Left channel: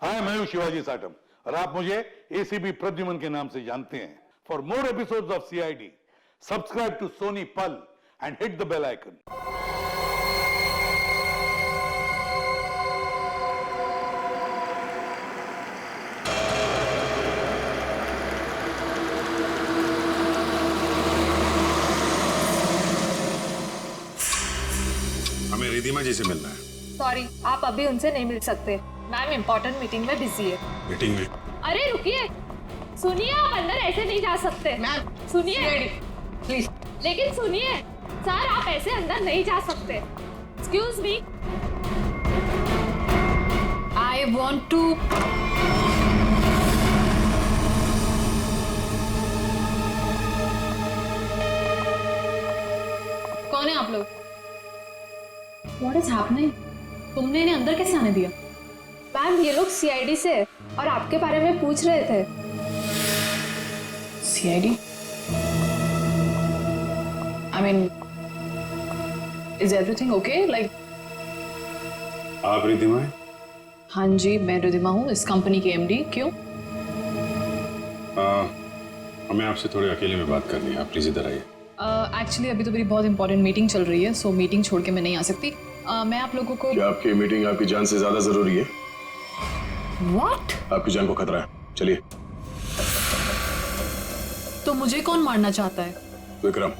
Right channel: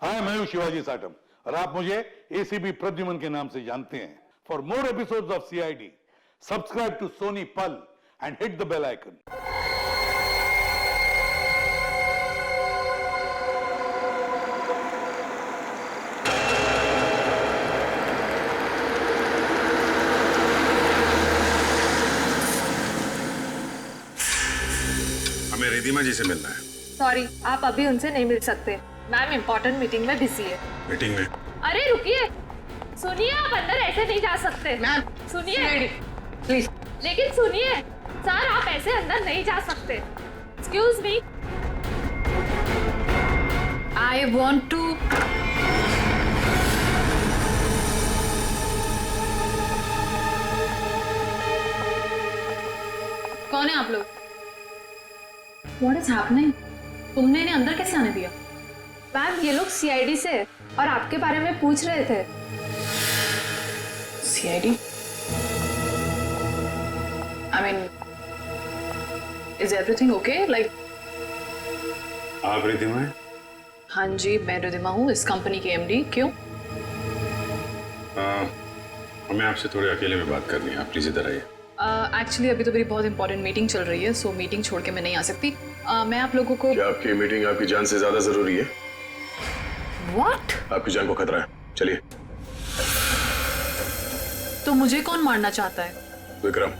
हाय, मैं हूं शिवाजी साटम और आप मुझे एसीपी प्रद्युमन के नाम से जानते हैं। For more episodes of CID, subscribe to Sony Pal and hit the bell icon. हमें रिधिमा जी से मिलना है। सॉरी, आप अभी उनसे नहीं मिल सकते। मैम इम्पोर्टेंट मीटिंग में बिजी है। मीटिंग में? अरे रुकिए, सुनिए, आप अंदर ऐसे नहीं जा सकते। मैम सुनिए प्लीज। लेकिन सुनिए सर, आप ऐसे अंदर नहीं जा सकते। Excuse me. I want to. कौन है आप लोग? What is happening? तुमने इन्हें अंदर कैसे आने दिया? मैम ये लोग सीआईडी से और आपके बारे में पूछ रहे थे। CID? I mean, is everything okay? Like, आप रिधिमा हैं? हाँ जी, मैं रिधिमा हूँ, इस कंपनी की MD। क्यों? हमें आपसे थोड़े अकेले में बात करनी है, आप प्लीज इधर आइए। एक्चुअली अभी तो मेरी बहुत इंपॉर्टेंट मीटिंग चल रही है, सो मीटिंग छोड़ के मैं नहीं आ सकती। मैं आप लोगों को। क्या आपकी मीटिंग आपकी जान से ज्यादा जरूरी है? What? आपकी जान को खतरा है, चलिए। तो मुझे कौन मारना चाहता है? विक्रम।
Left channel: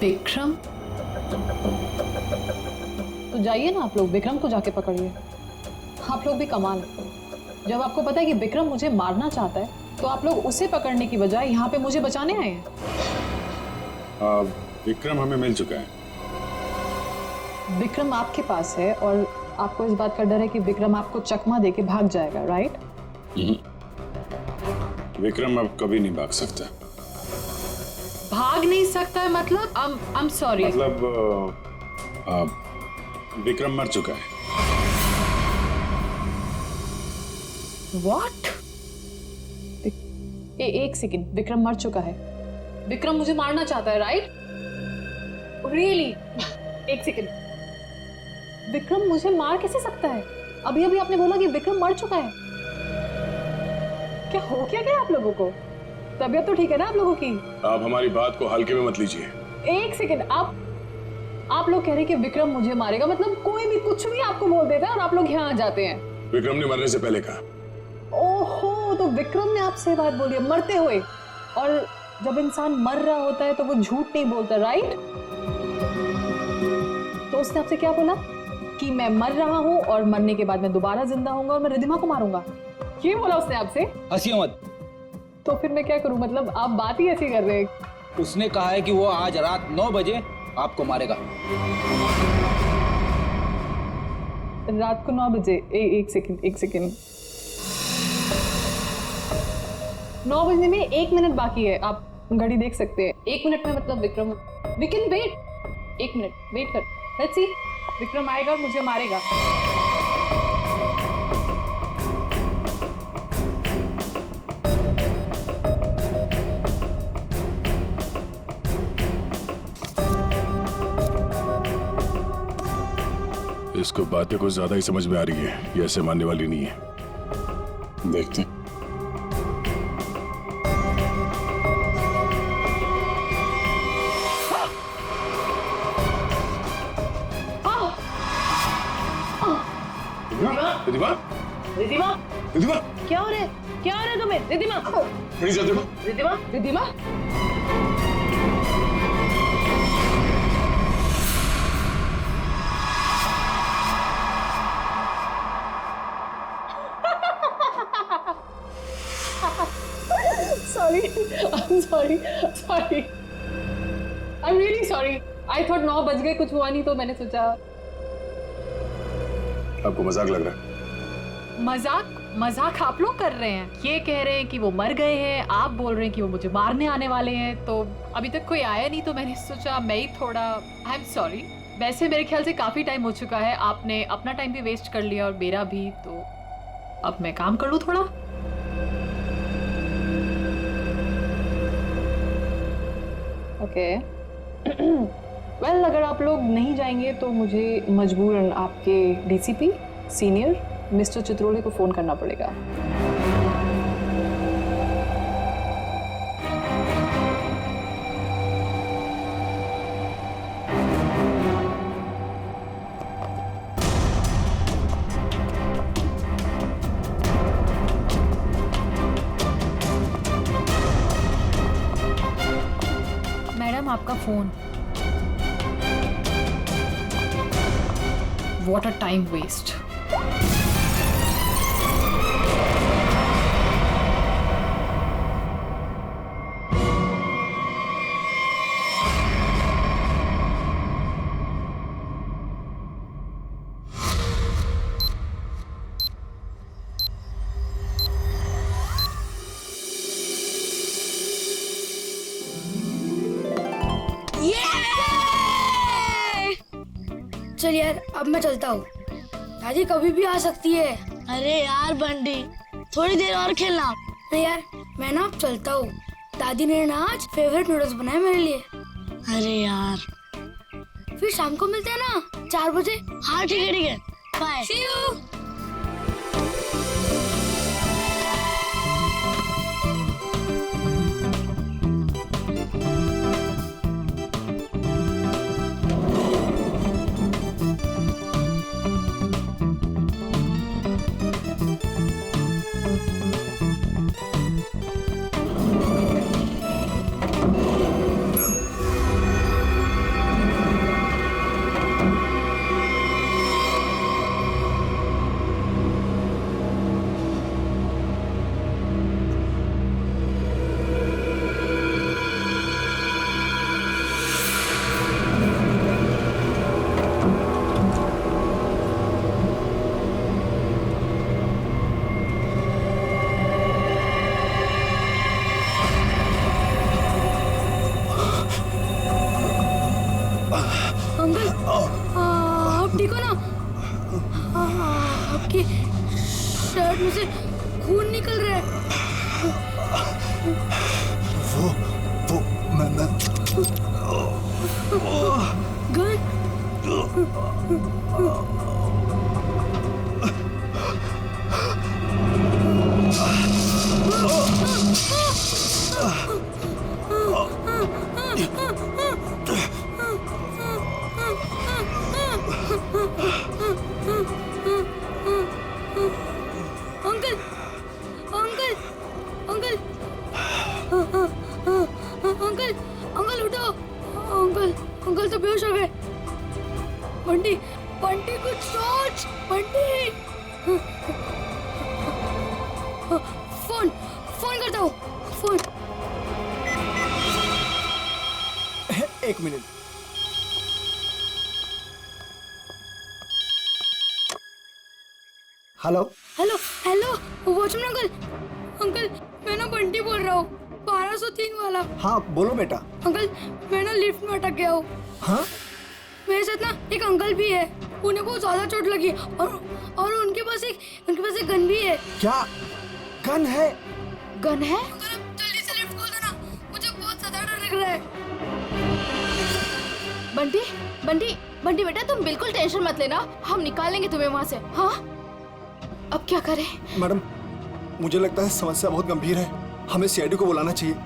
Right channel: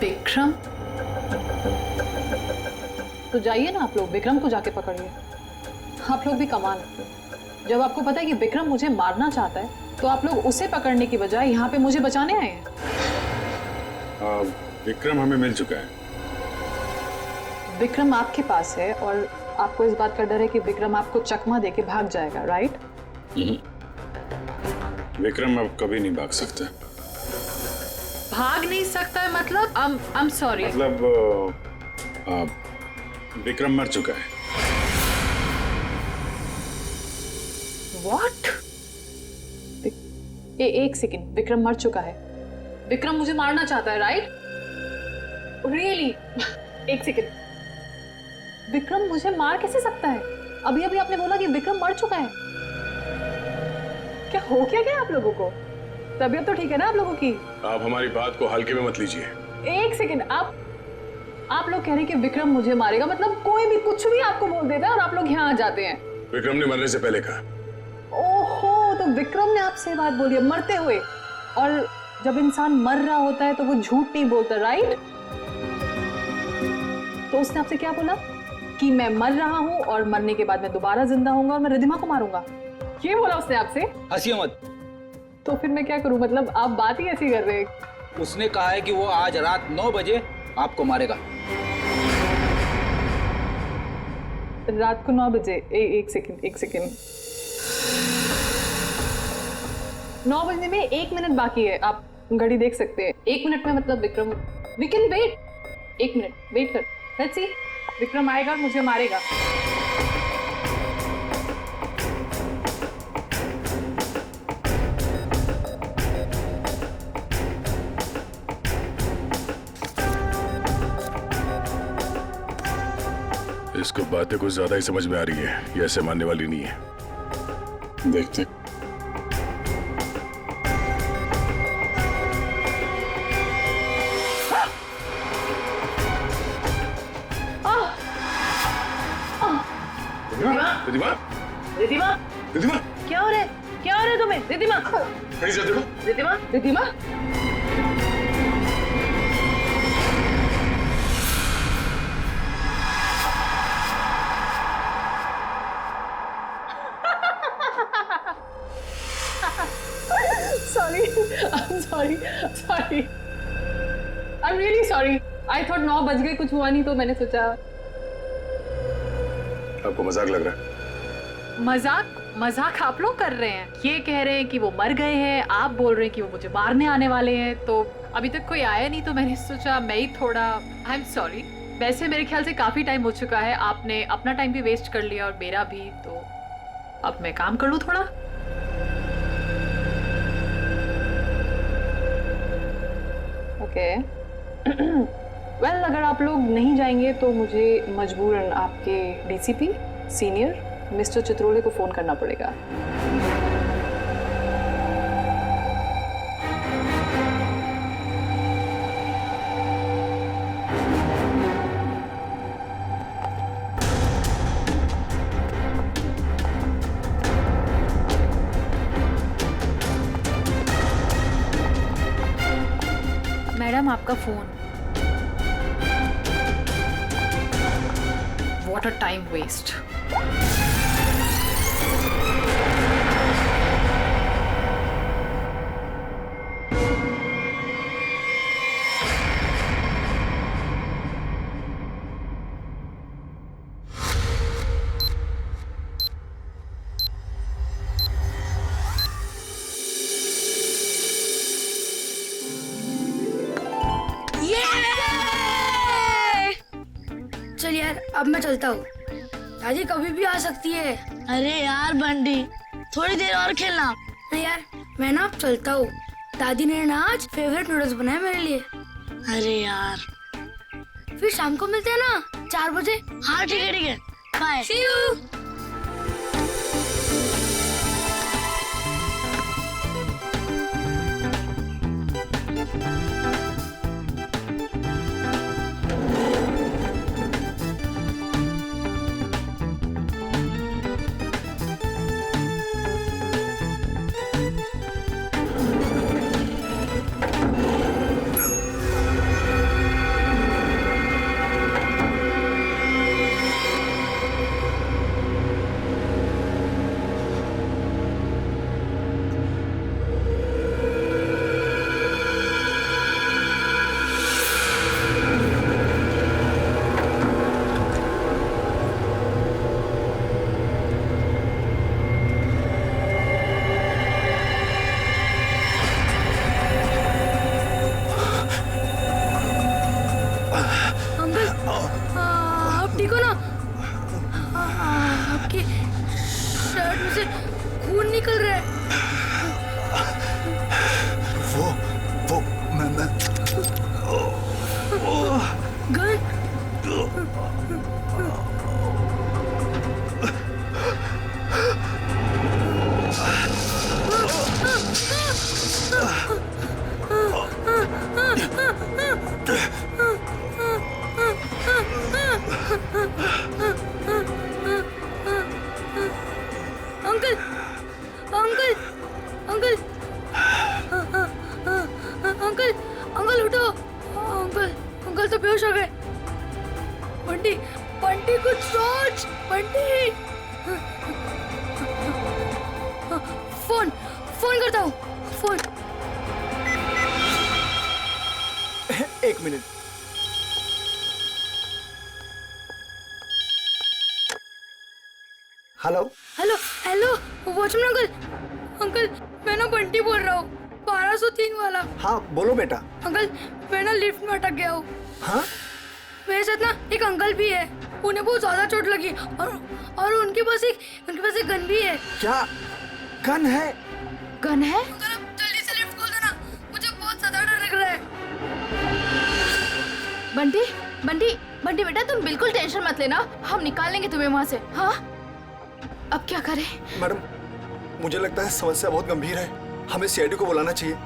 विक्रम? तो जाइए ना आप लोग, विक्रम को जाके पकड़िए। आप लोग भी कमाल है, जब आपको पता है कि विक्रम मुझे मारना चाहता है तो आप लोग उसे पकड़ने की बजाय यहाँ पे मुझे बचाने आए हैं। विक्रम हमें मिल चुका है। विक्रम आपके पास है और आपको इस बात का डर है कि विक्रम आपको चकमा देके भाग जाएगा, राइट? विक्रम अब कभी नहीं भाग सकता। भाग नहीं सकता है मतलब? I'm sorry। मतलब विक्रम मर चुका है। What? एक सेकंड, विक्रम मर चुका है? विक्रम मुझे मारना चाहता है, राइट? रियली? एक सेकंड, विक्रम मुझे मार कैसे सकता है? अभी अभी आपने बोला कि विक्रम मर चुका है। क्या हो क्या आप लोगों को? तबीयत तो ठीक है ना आप लोगों की? आप हमारी बात को हल्के में मत लीजिए। एक सेकंड, आप लोग कह रहे हैं कि विक्रम मुझे मारेगा, मतलब कोई भी कुछ भी आपको बोल देता है और आप लोग यहाँ आ जाते हैं। विक्रम ने मरने से पहले कहा। ओहो, तो विक्रम ने आपसे बात बोली है मरते हुए, और जब इंसान मर रहा होता है तो वो झूठ नहीं बोलता, राइट? तो उसने आपसे क्या बोला कि मैं मर रहा हूं और मरने के बाद मैं दोबारा जिंदा होऊंगा और मैं रिधिमा को मारूंगा, ये बोला उसने आपसे? हंसिए मत। तो फिर मैं क्या करूं? मतलब आप बात ही ऐसी कर रहे हैं। उसने कहा है कि वो आज रात 9 बजे आपको मारेगा। रात को 9 बजे? एक सेकंड, 9 बजने में 1 मिनट बाकी है, आप घड़ी देख सकते हैं। 1 मिनट में मतलब Vikram, we can wait. 1 minute wait कर, लेट्स सी। विक्रम आएगा और मुझे मारेगा। इसको बातें कुछ ज्यादा ही समझ में आ रही है, ये ऐसे मानने वाली नहीं है। देखते। रिधिमा? रिधिमा? रिधिमा? क्या हो रहा है? क्या हो रहा है तुम्हें? रिधिमा? खड़ी जा, देखो। Ridhima? Ridhima? sorry, I'm really sorry. I thought 9 बज गए, कुछ हुआ नहीं तो मैंने सोचा। आपको मजाक लग रहा है? मजाक आप लोग कर रहे हैं। ये कह रहे हैं कि वो मर गए हैं, आप बोल रहे हैं कि वो मुझे मारने आने वाले हैं। तो अभी तक कोई आया नहीं तो मैंने सोचा मैं ही थोड़ा। I am sorry. वैसे मेरे ख्याल से काफी टाइम हो चुका है, आपने अपना टाइम भी वेस्ट कर लिया और मेरा भी, तो अब मैं काम कर लूं थोड़ा। ओके वेल, अगर आप लोग नहीं जाएंगे तो मुझे मजबूरन आपके डीसीपी सीनियर मिस्टर चित्रोले को फोन करना पड़ेगा। मैडम आपका phone. What a time waste. चल यार, अब मैं चलता हूँ। दादी कभी भी आ सकती है। अरे यार बंटी, थोड़ी देर और खेलना। नहीं यार, मैं ना अब चलता हूँ। दादी ने ना आज फेवरेट नूडल्स बनाए मेरे लिए। अरे यार, फिर शाम को मिलते हैं ना 4 बजे। हाँ ठीक है ठीक है, बाय। See you। अंकल, आप ठीक हो ना? आपकी शर्ट में से खून निकल रहा है। वो मैं gun? Uncle, uncle, uncle, uncle, uncle उठो। अंकल, अंकल तो बेहोश हो गए। बंटी, बंटी कुछ सोच। बंटी, फोन फोन करता हूँ। फोन। एक minute. Hello hello hello, watchman uncle. Uncle, मैं ना बंटी बोल रहा हूँ, 1203 वाला। हाँ बोलो बेटा। अंकल, मैं ना लिफ्ट में अटक गया हूँ। हाँ मेरे साथ ना एक अंकल भी है। उन्हें बहुत ज्यादा चोट लगी और उनके पास एक गन भी है। क्या गन है? गन है? अंकल, अब जल्दी से लिफ्ट खोल देना, मुझे बहुत ज्यादा डर लग रहा है। बंटी बंटी बंटी बेटा, तुम बिल्कुल टेंशन मत लेना, हम निकाल लेंगे तुम्हें वहाँ से। हाँ, अब क्या करें? मैडम, मुझे लगता है समस्या बहुत गंभीर है, हमें सीआईडी को बुलाना चाहिए।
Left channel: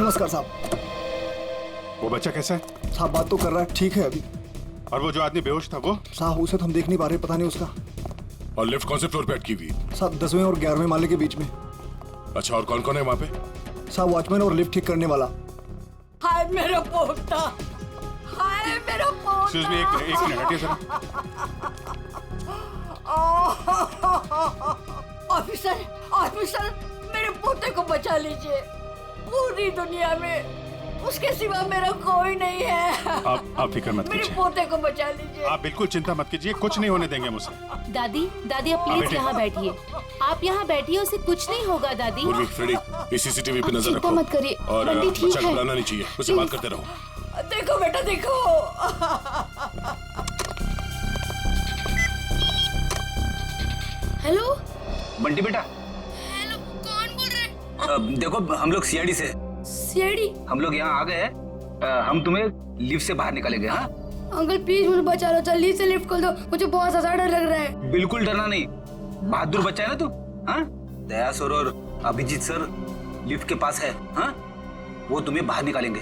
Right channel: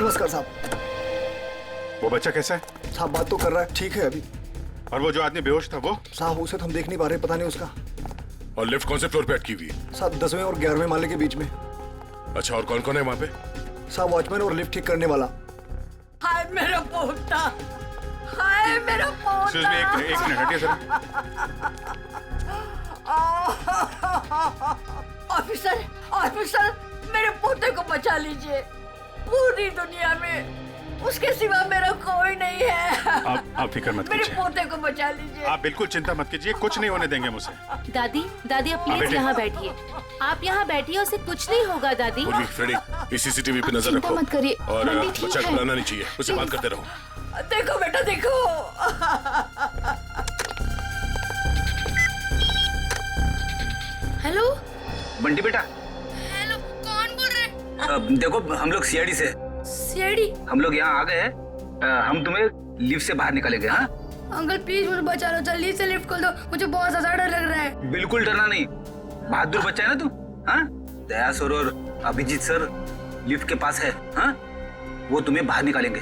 नमस्कार साहब। वो बच्चा कैसा है? साहब बात तो कर रहा है, ठीक है अभी। और वो जो आदमी बेहोश था वो? साहब उसे तो हम देख नहीं पा रहे, पता नहीं उसका। और लिफ्ट कौन से फ्लोर पे अटकी हुई? साहब 10वें और 11वें माले के बीच में। अच्छा, और कौन कौन है वहाँ पे? साहब वॉचमैन और लिफ्ट ठीक करने वाला। हाय मेरा पोता, हाय मेरा पोता। एक्सक्यूज मी, एक मिनट हटिए जरा। ऑफिसर, ऑफिसर, मेरे पोते को बचा लीजिए। पूरी दुनिया में उसके सिवा मेरा कोई नहीं है। आप फिक्र मत मेरे कीजिए। पोते को बचा लीजिए। आप बिल्कुल चिंता मत कीजिए, कुछ नहीं होने देंगे मुझे। दादी दादी आप बेटे। प्लीज यहाँ बैठिए। आप यहाँ बैठिए, उसे कुछ नहीं होगा दादी। पूर्वी, फ्रेडी, इस सीसीटीवी पे नजर चिंता रखो। मत करिए, और बंटी ठीक बच्चा है। घबराना नहीं चाहिए, उसे बात करते रहो। देखो बेटा देखो। हेलो बंटी बेटा, हेलो, कौन बोल रहे? देखो हम लोग सीआईडी से, सीआईडी। हम लोग यहाँ आ गए हैं। हम तुम्हें लिफ्ट से बाहर निकालेंगे। हाँ, अंकल प्लीज मुझे बचा लो, जल्दी से लिफ्ट खोल दो, मुझे बहुत ज्यादा डर लग रहा है। बिल्कुल डरना नहीं, बहादुर बच्चा है ना तू। हाँ, दया सर और अभिजीत सर लिफ्ट के पास है। हाँ, वो तुम्हें बाहर निकालेंगे।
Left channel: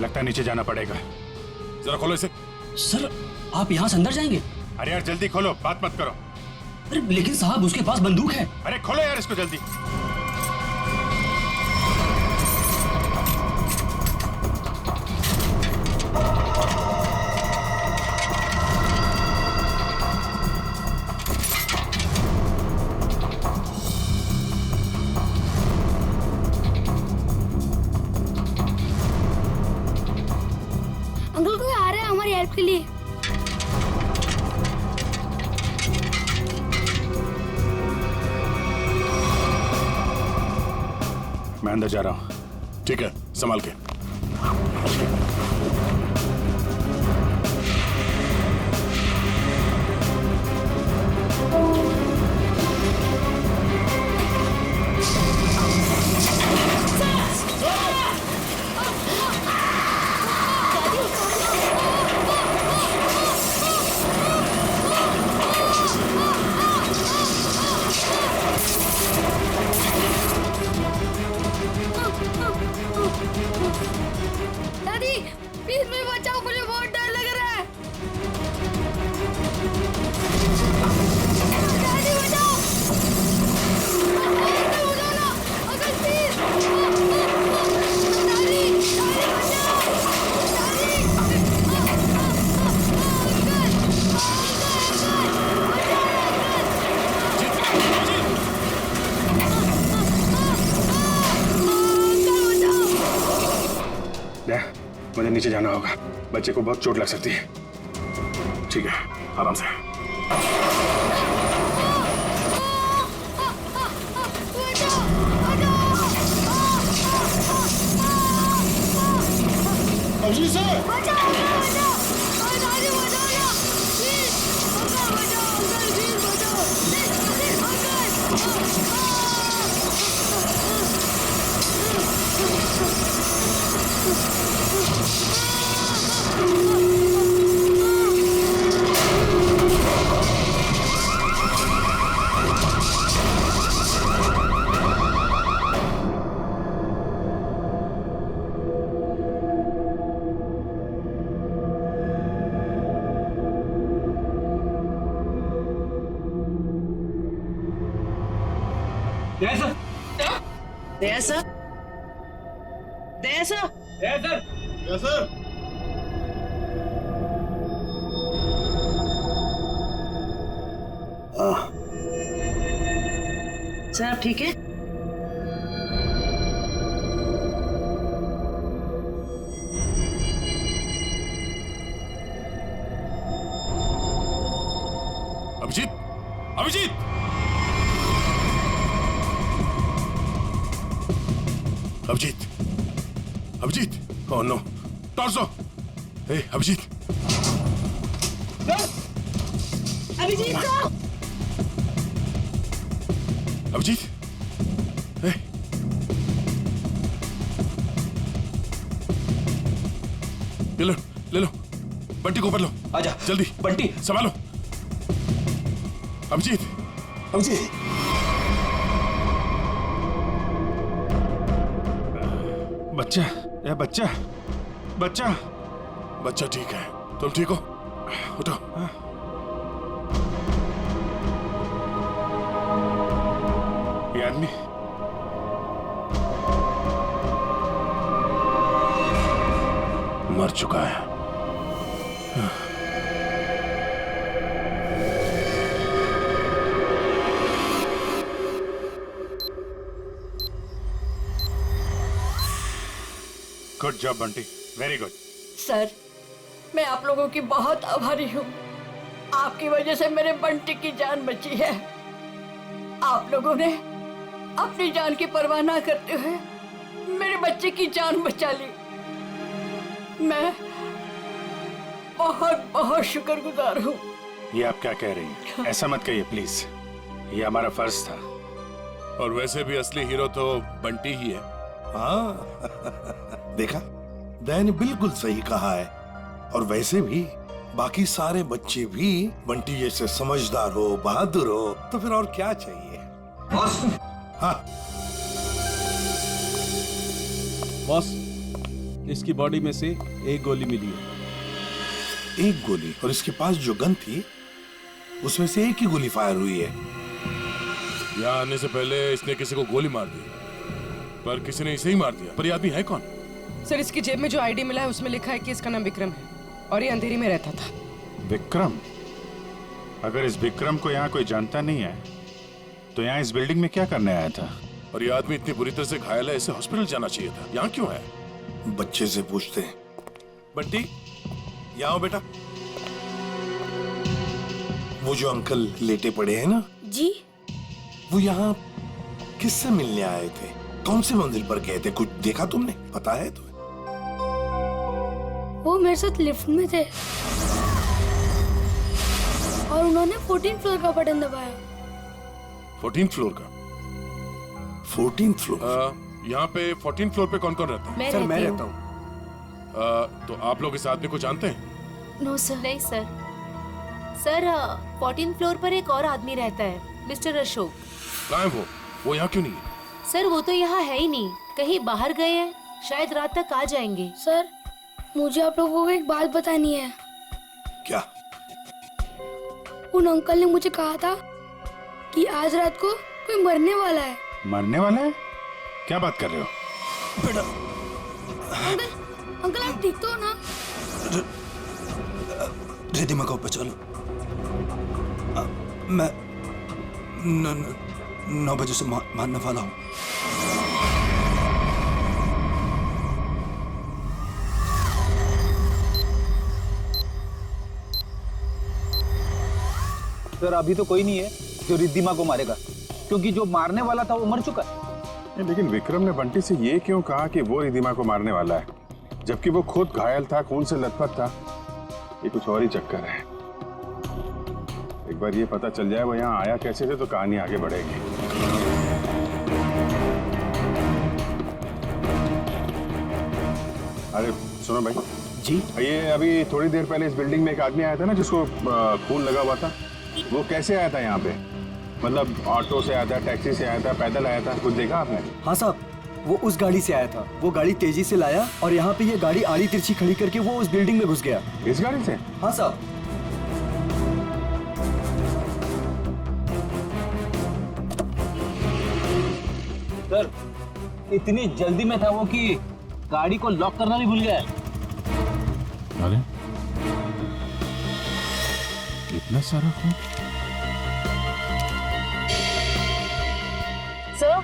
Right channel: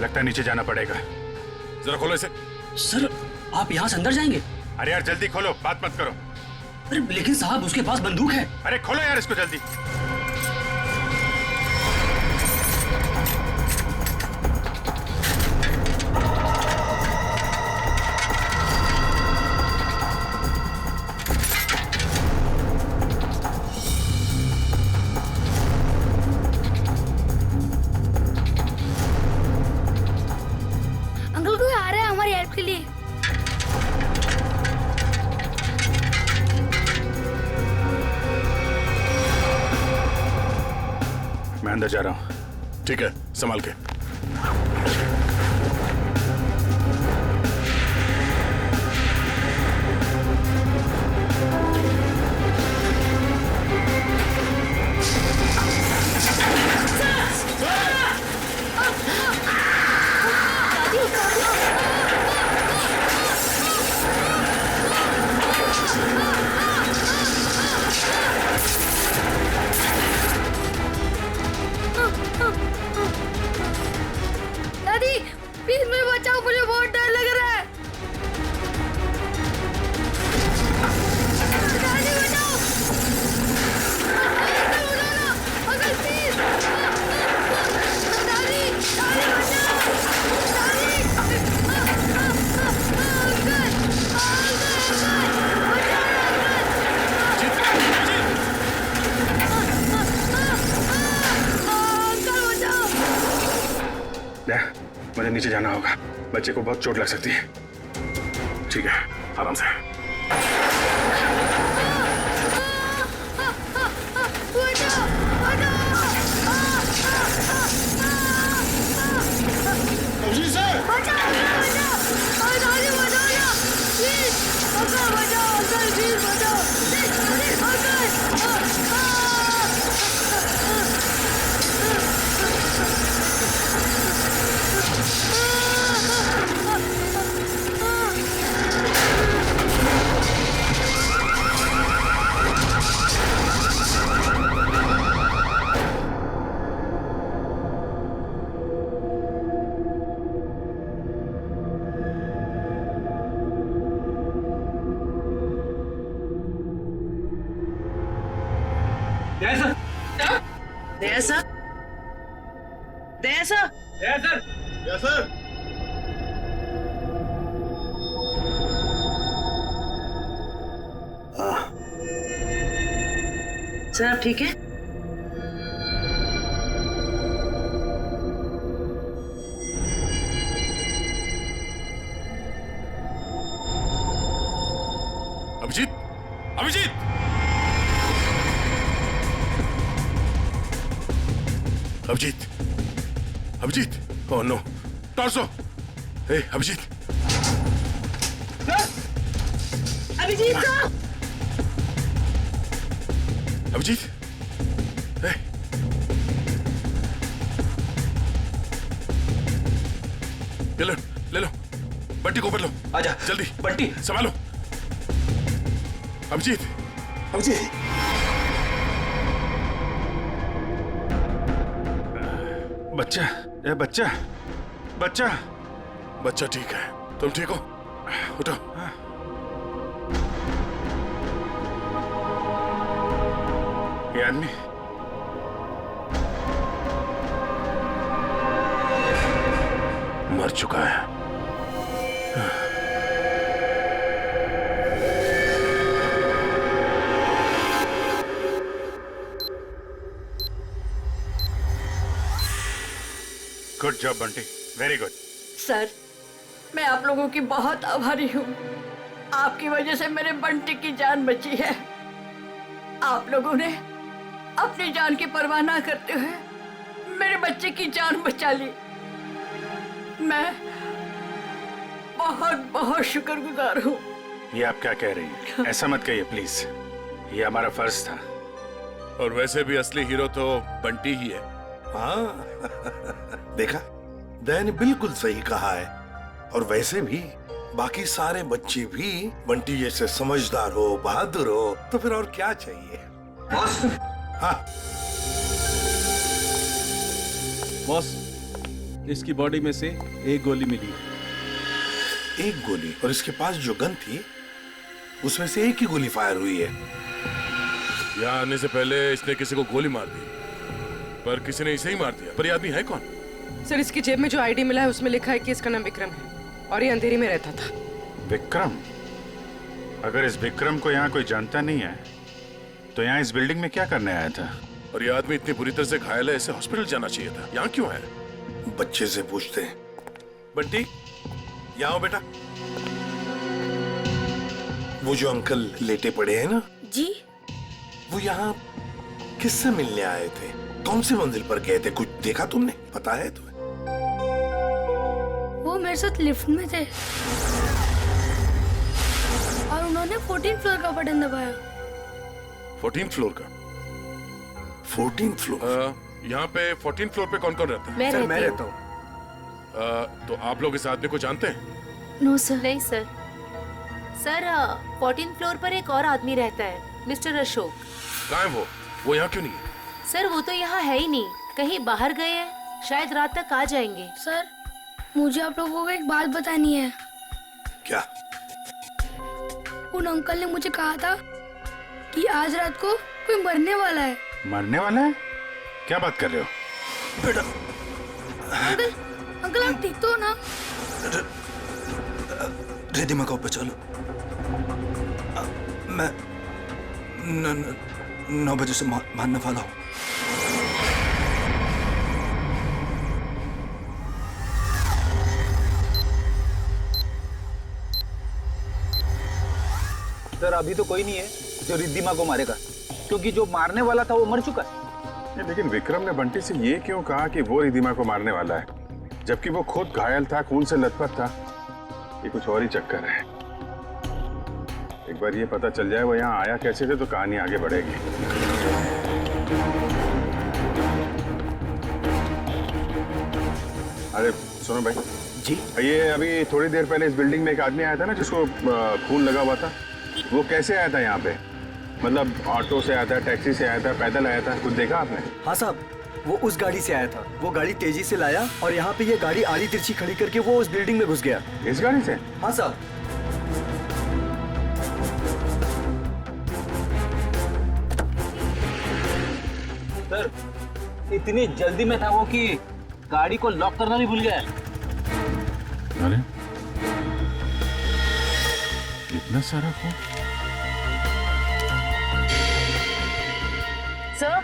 लगता है नीचे जाना पड़ेगा। जरा खोलो इसे। सर आप यहाँ से अंदर जाएंगे? अरे यार जल्दी खोलो, बात मत करो। अरे लेकिन साहब उसके पास बंदूक है। अरे खोलो यार इसको जल्दी। अंकल कोई आ रहा है हमारी हेल्प के लिए। मैं अंदर जा रहा हूँ। ठीक है, संभाल के। दादी प्लीज मुझे बचाओ, मुझे बहुत डर लग रहा है। दादी बचाओ, अंकल बचाओ ना, अंकल प्लीज। दादी दादी बचाओ, दादी। अंकल अंकल मुझे नीचे जाना होगा, बच्चे को बहुत चोट लग सकती है। ठीक है, आराम से। अभिजीत सर बचाओ, बचाओ, दादी बचाओ ना प्लीज। अंकल बचाओ, अंकल प्लीज बचाओ, प्लीज अंकल। सर आप ठीक है? Abhijeet, Abhijeet, Abhijeet, Abhijeet, oh no, torso, hey Abhijeet, Abhijeet साहब! अभिजीत, हे, ले लो, बंटी को ऊपर लो, आजा जल्दी, बंटी। संभालो, अभिजीत, अभिजीत, बच्चा, ये बच्चा, बच्चा, बच्चा ठीक है। तुम ठीक हो? उठो। ये आदमी मर चुका है। Good job Bunty, very good. Sir, मैं आप लोगों की बहुत आभारी हूँ। आपकी वजह से मेरे बंटी की जान बची है। आप लोगों ने अपनी जान की परवाह ना करते हुए मेरे बच्चे की जान बचा ली। मैं बहुत बहुत शुक्रगुजार हूँ। ये आप क्या कह रही हैं? ऐसा मत कहिए प्लीज, ये हमारा फर्ज था। और वैसे भी असली हीरो तो बंटी ही है। हाँ देखा, दया ने बिल्कुल सही कहा है। और वैसे भी बाकी सारे बच्चे भी बंटी जैसे समझदार हो, बहादुर हो, तो फिर और क्या चाहिए? बॉस। हाँ बॉस, इसकी बॉडी में से एक गोली मिली है। एक गोली? और इसके पास जो गन थी उसमें से एक ही गोली फायर हुई है। यहाँ आने से पहले इसने किसी को गोली मार दी, पर किसी ने इसे ही मार दिया। पर ये आदमी है कौन? सर, इसकी जेब में जो आईडी मिला है उसमें लिखा है कि इसका नाम विक्रम है और ये अंधेरी में रहता था। विक्रम? अगर इस विक्रम को यहाँ कोई जानता नहीं है तो यहाँ इस बिल्डिंग में क्या करने आया था? और ये आदमी इतनी बुरी तरह से घायल है, इसे हॉस्पिटल जाना चाहिए था। यहाँ क्यों है? बच्चे से पूछते हैं। बंटी, यहाँ आओ बेटा। वो जो अंकल लेटे पड़े हैं ना जी, वो यहाँ किससे मिलने आए थे? कौन सी मंजिल पर गए थे? कुछ देखा तुमने? पता है तुम्हें? वो मेरे साथ लिफ्ट में थे और उन्होंने 14th फ्लोर का बटन दबाया। 14th फ्लोर का? 14th floor? यहाँ पे 14th फ्लोर पे कौन कौन रहता है? सर, मैं रहता हूँ। तो आप लोग इस आदमी को जानते हैं? No sir. नहीं सर। सर, 14th फ्लोर पर एक और आदमी रहता है, मिस्टर अशोक। कहाँ है वो? वो यहाँ क्यों नहीं है? सर, वो तो यहाँ है ही नहीं, कहीं बाहर गए हैं, शायद रात तक आ जाएंगे। सर, मुझे आप लोगों को एक बात बतानी है। क्या? उन अंकल ने मुझे कहा था कि आज रात को कोई मरने वाला है। मरने वाला है? क्या बात कर रहे हो? बेटा। अंकल, अंकल आप ठीक तो हो ना? रिद्धिमा को पे चलो। मैं 9 बजे से मारने वाला हूँ। सर, अभी तो कोई नहीं है जो रिद्धिमा को मारेगा, क्योंकि जो मारने वाला था वो मर चुका है। लेकिन विक्रम ने बंटी से ये क्यों कहा कि वो रिद्धिमा को मारने वाला है, जबकि वो खुद घायल था, खून से लथपथ था? ये कुछ और ही चक्कर है। एक बार ये पता चल जाए वो यहाँ आया कैसे थे तो कहानी आगे बढ़ेगी। अरे सुनो भाई जी, ये अभी थोड़ी देर पहले इस बिल्डिंग में एक आदमी आया था ना जिसको खून लगा हुआ था, वो कैसे आया था यहाँ पे? मतलब ऑटो से आया था, टैक्सी से आया था, पैदल आया था? कुछ देखा आपने? हाँ साहब, वो उस गाड़ी से आया था। वो गाड़ी तेजी से लाया और यहाँ पे ये गाड़ी आड़ी तिरछी खड़ी करके वो उस बिल्डिंग में घुस गया। इस गाड़ी से? हाँ साहब। सर, इतनी जल्दी में था वो कि गाड़ी को लॉक करना भी भूल गया। अरे इतना सारा खून? सर,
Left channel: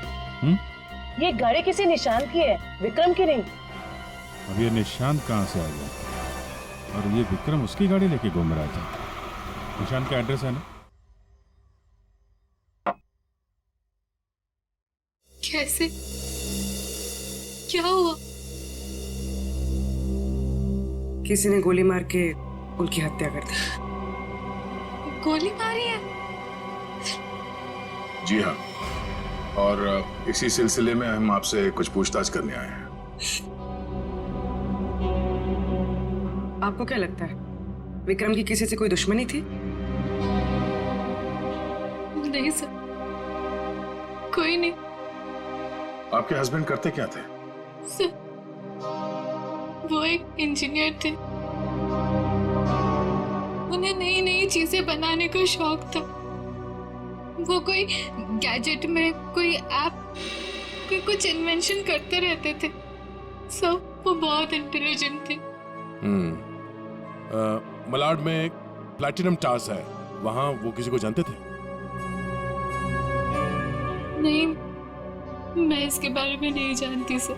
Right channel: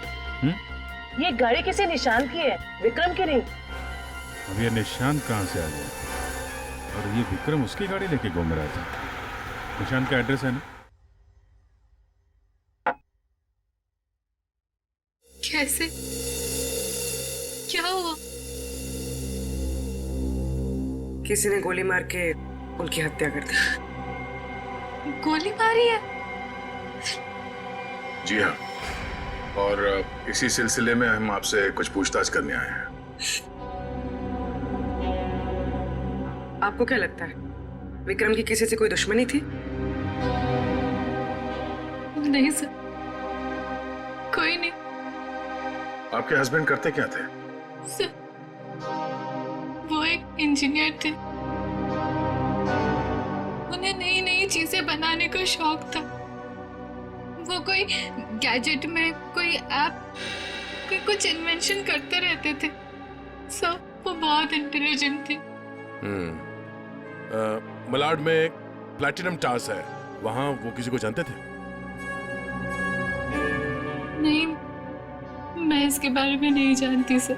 ये गाड़ी किसी निशान की है, विक्रम की नहीं। अब ये निशान कहाँ से आ गया? और ये विक्रम उसकी गाड़ी लेके घूम रहा था। निशान का एड्रेस है ना? कैसे? क्या हुआ? किसी ने गोली मार के उनकी हत्या कर दी। गोली मारी है? जी हाँ, और इसी सिलसिले में हम आपसे कुछ पूछताछ करने आए हैं। आपको क्या लगता है, विक्रम की किसी से कोई दुश्मनी थी? नहीं सर, कोई नहीं आपके हस्बैंड करते क्या थे? सर। वो एक इंजीनियर थे, उन्हें नई नई चीजें बनाने का शौक था। वो कोई गैजेट में कोई ऐप, कोई कुछ इन्वेंशन करते रहते थे। सर वो बहुत इंटेलिजेंट थे। मलाड में एक प्लैटिनम टास है, वहां वो किसी को जानते थे? नहीं, मैं इसके बारे में नहीं जानती सर।